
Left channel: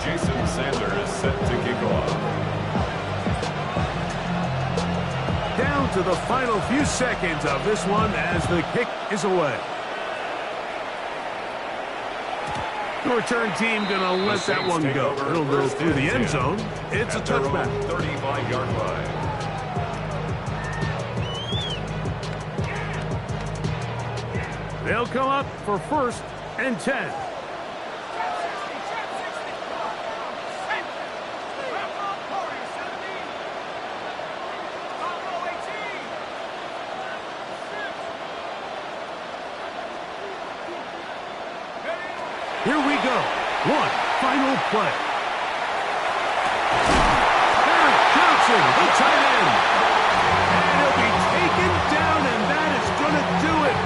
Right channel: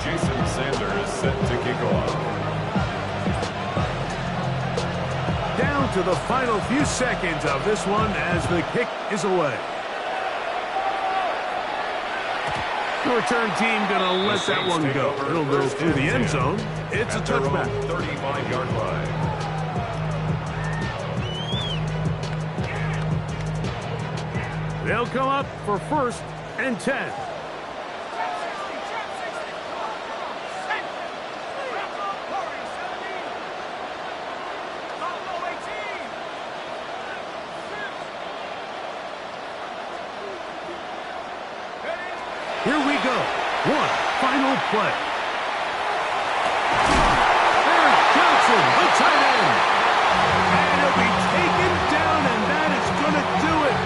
Jason Sander is set to kick off. Down to the final few seconds of this one as the kick is away. The return team going to let that one go. It'll go through the end zone. It's a touchback. 35-yard line. They'll come up for 1st and 10. Here we go. One final play. There's Johnson. Wilson, the tight end. And he'll be taken down, and that is going to do it.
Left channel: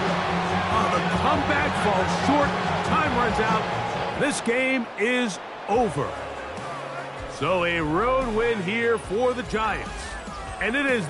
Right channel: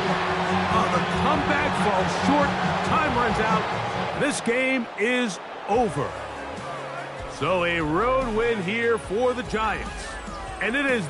Oh, the comeback falls short. Time runs out. This game is over. So a road win here for the Giants. And it is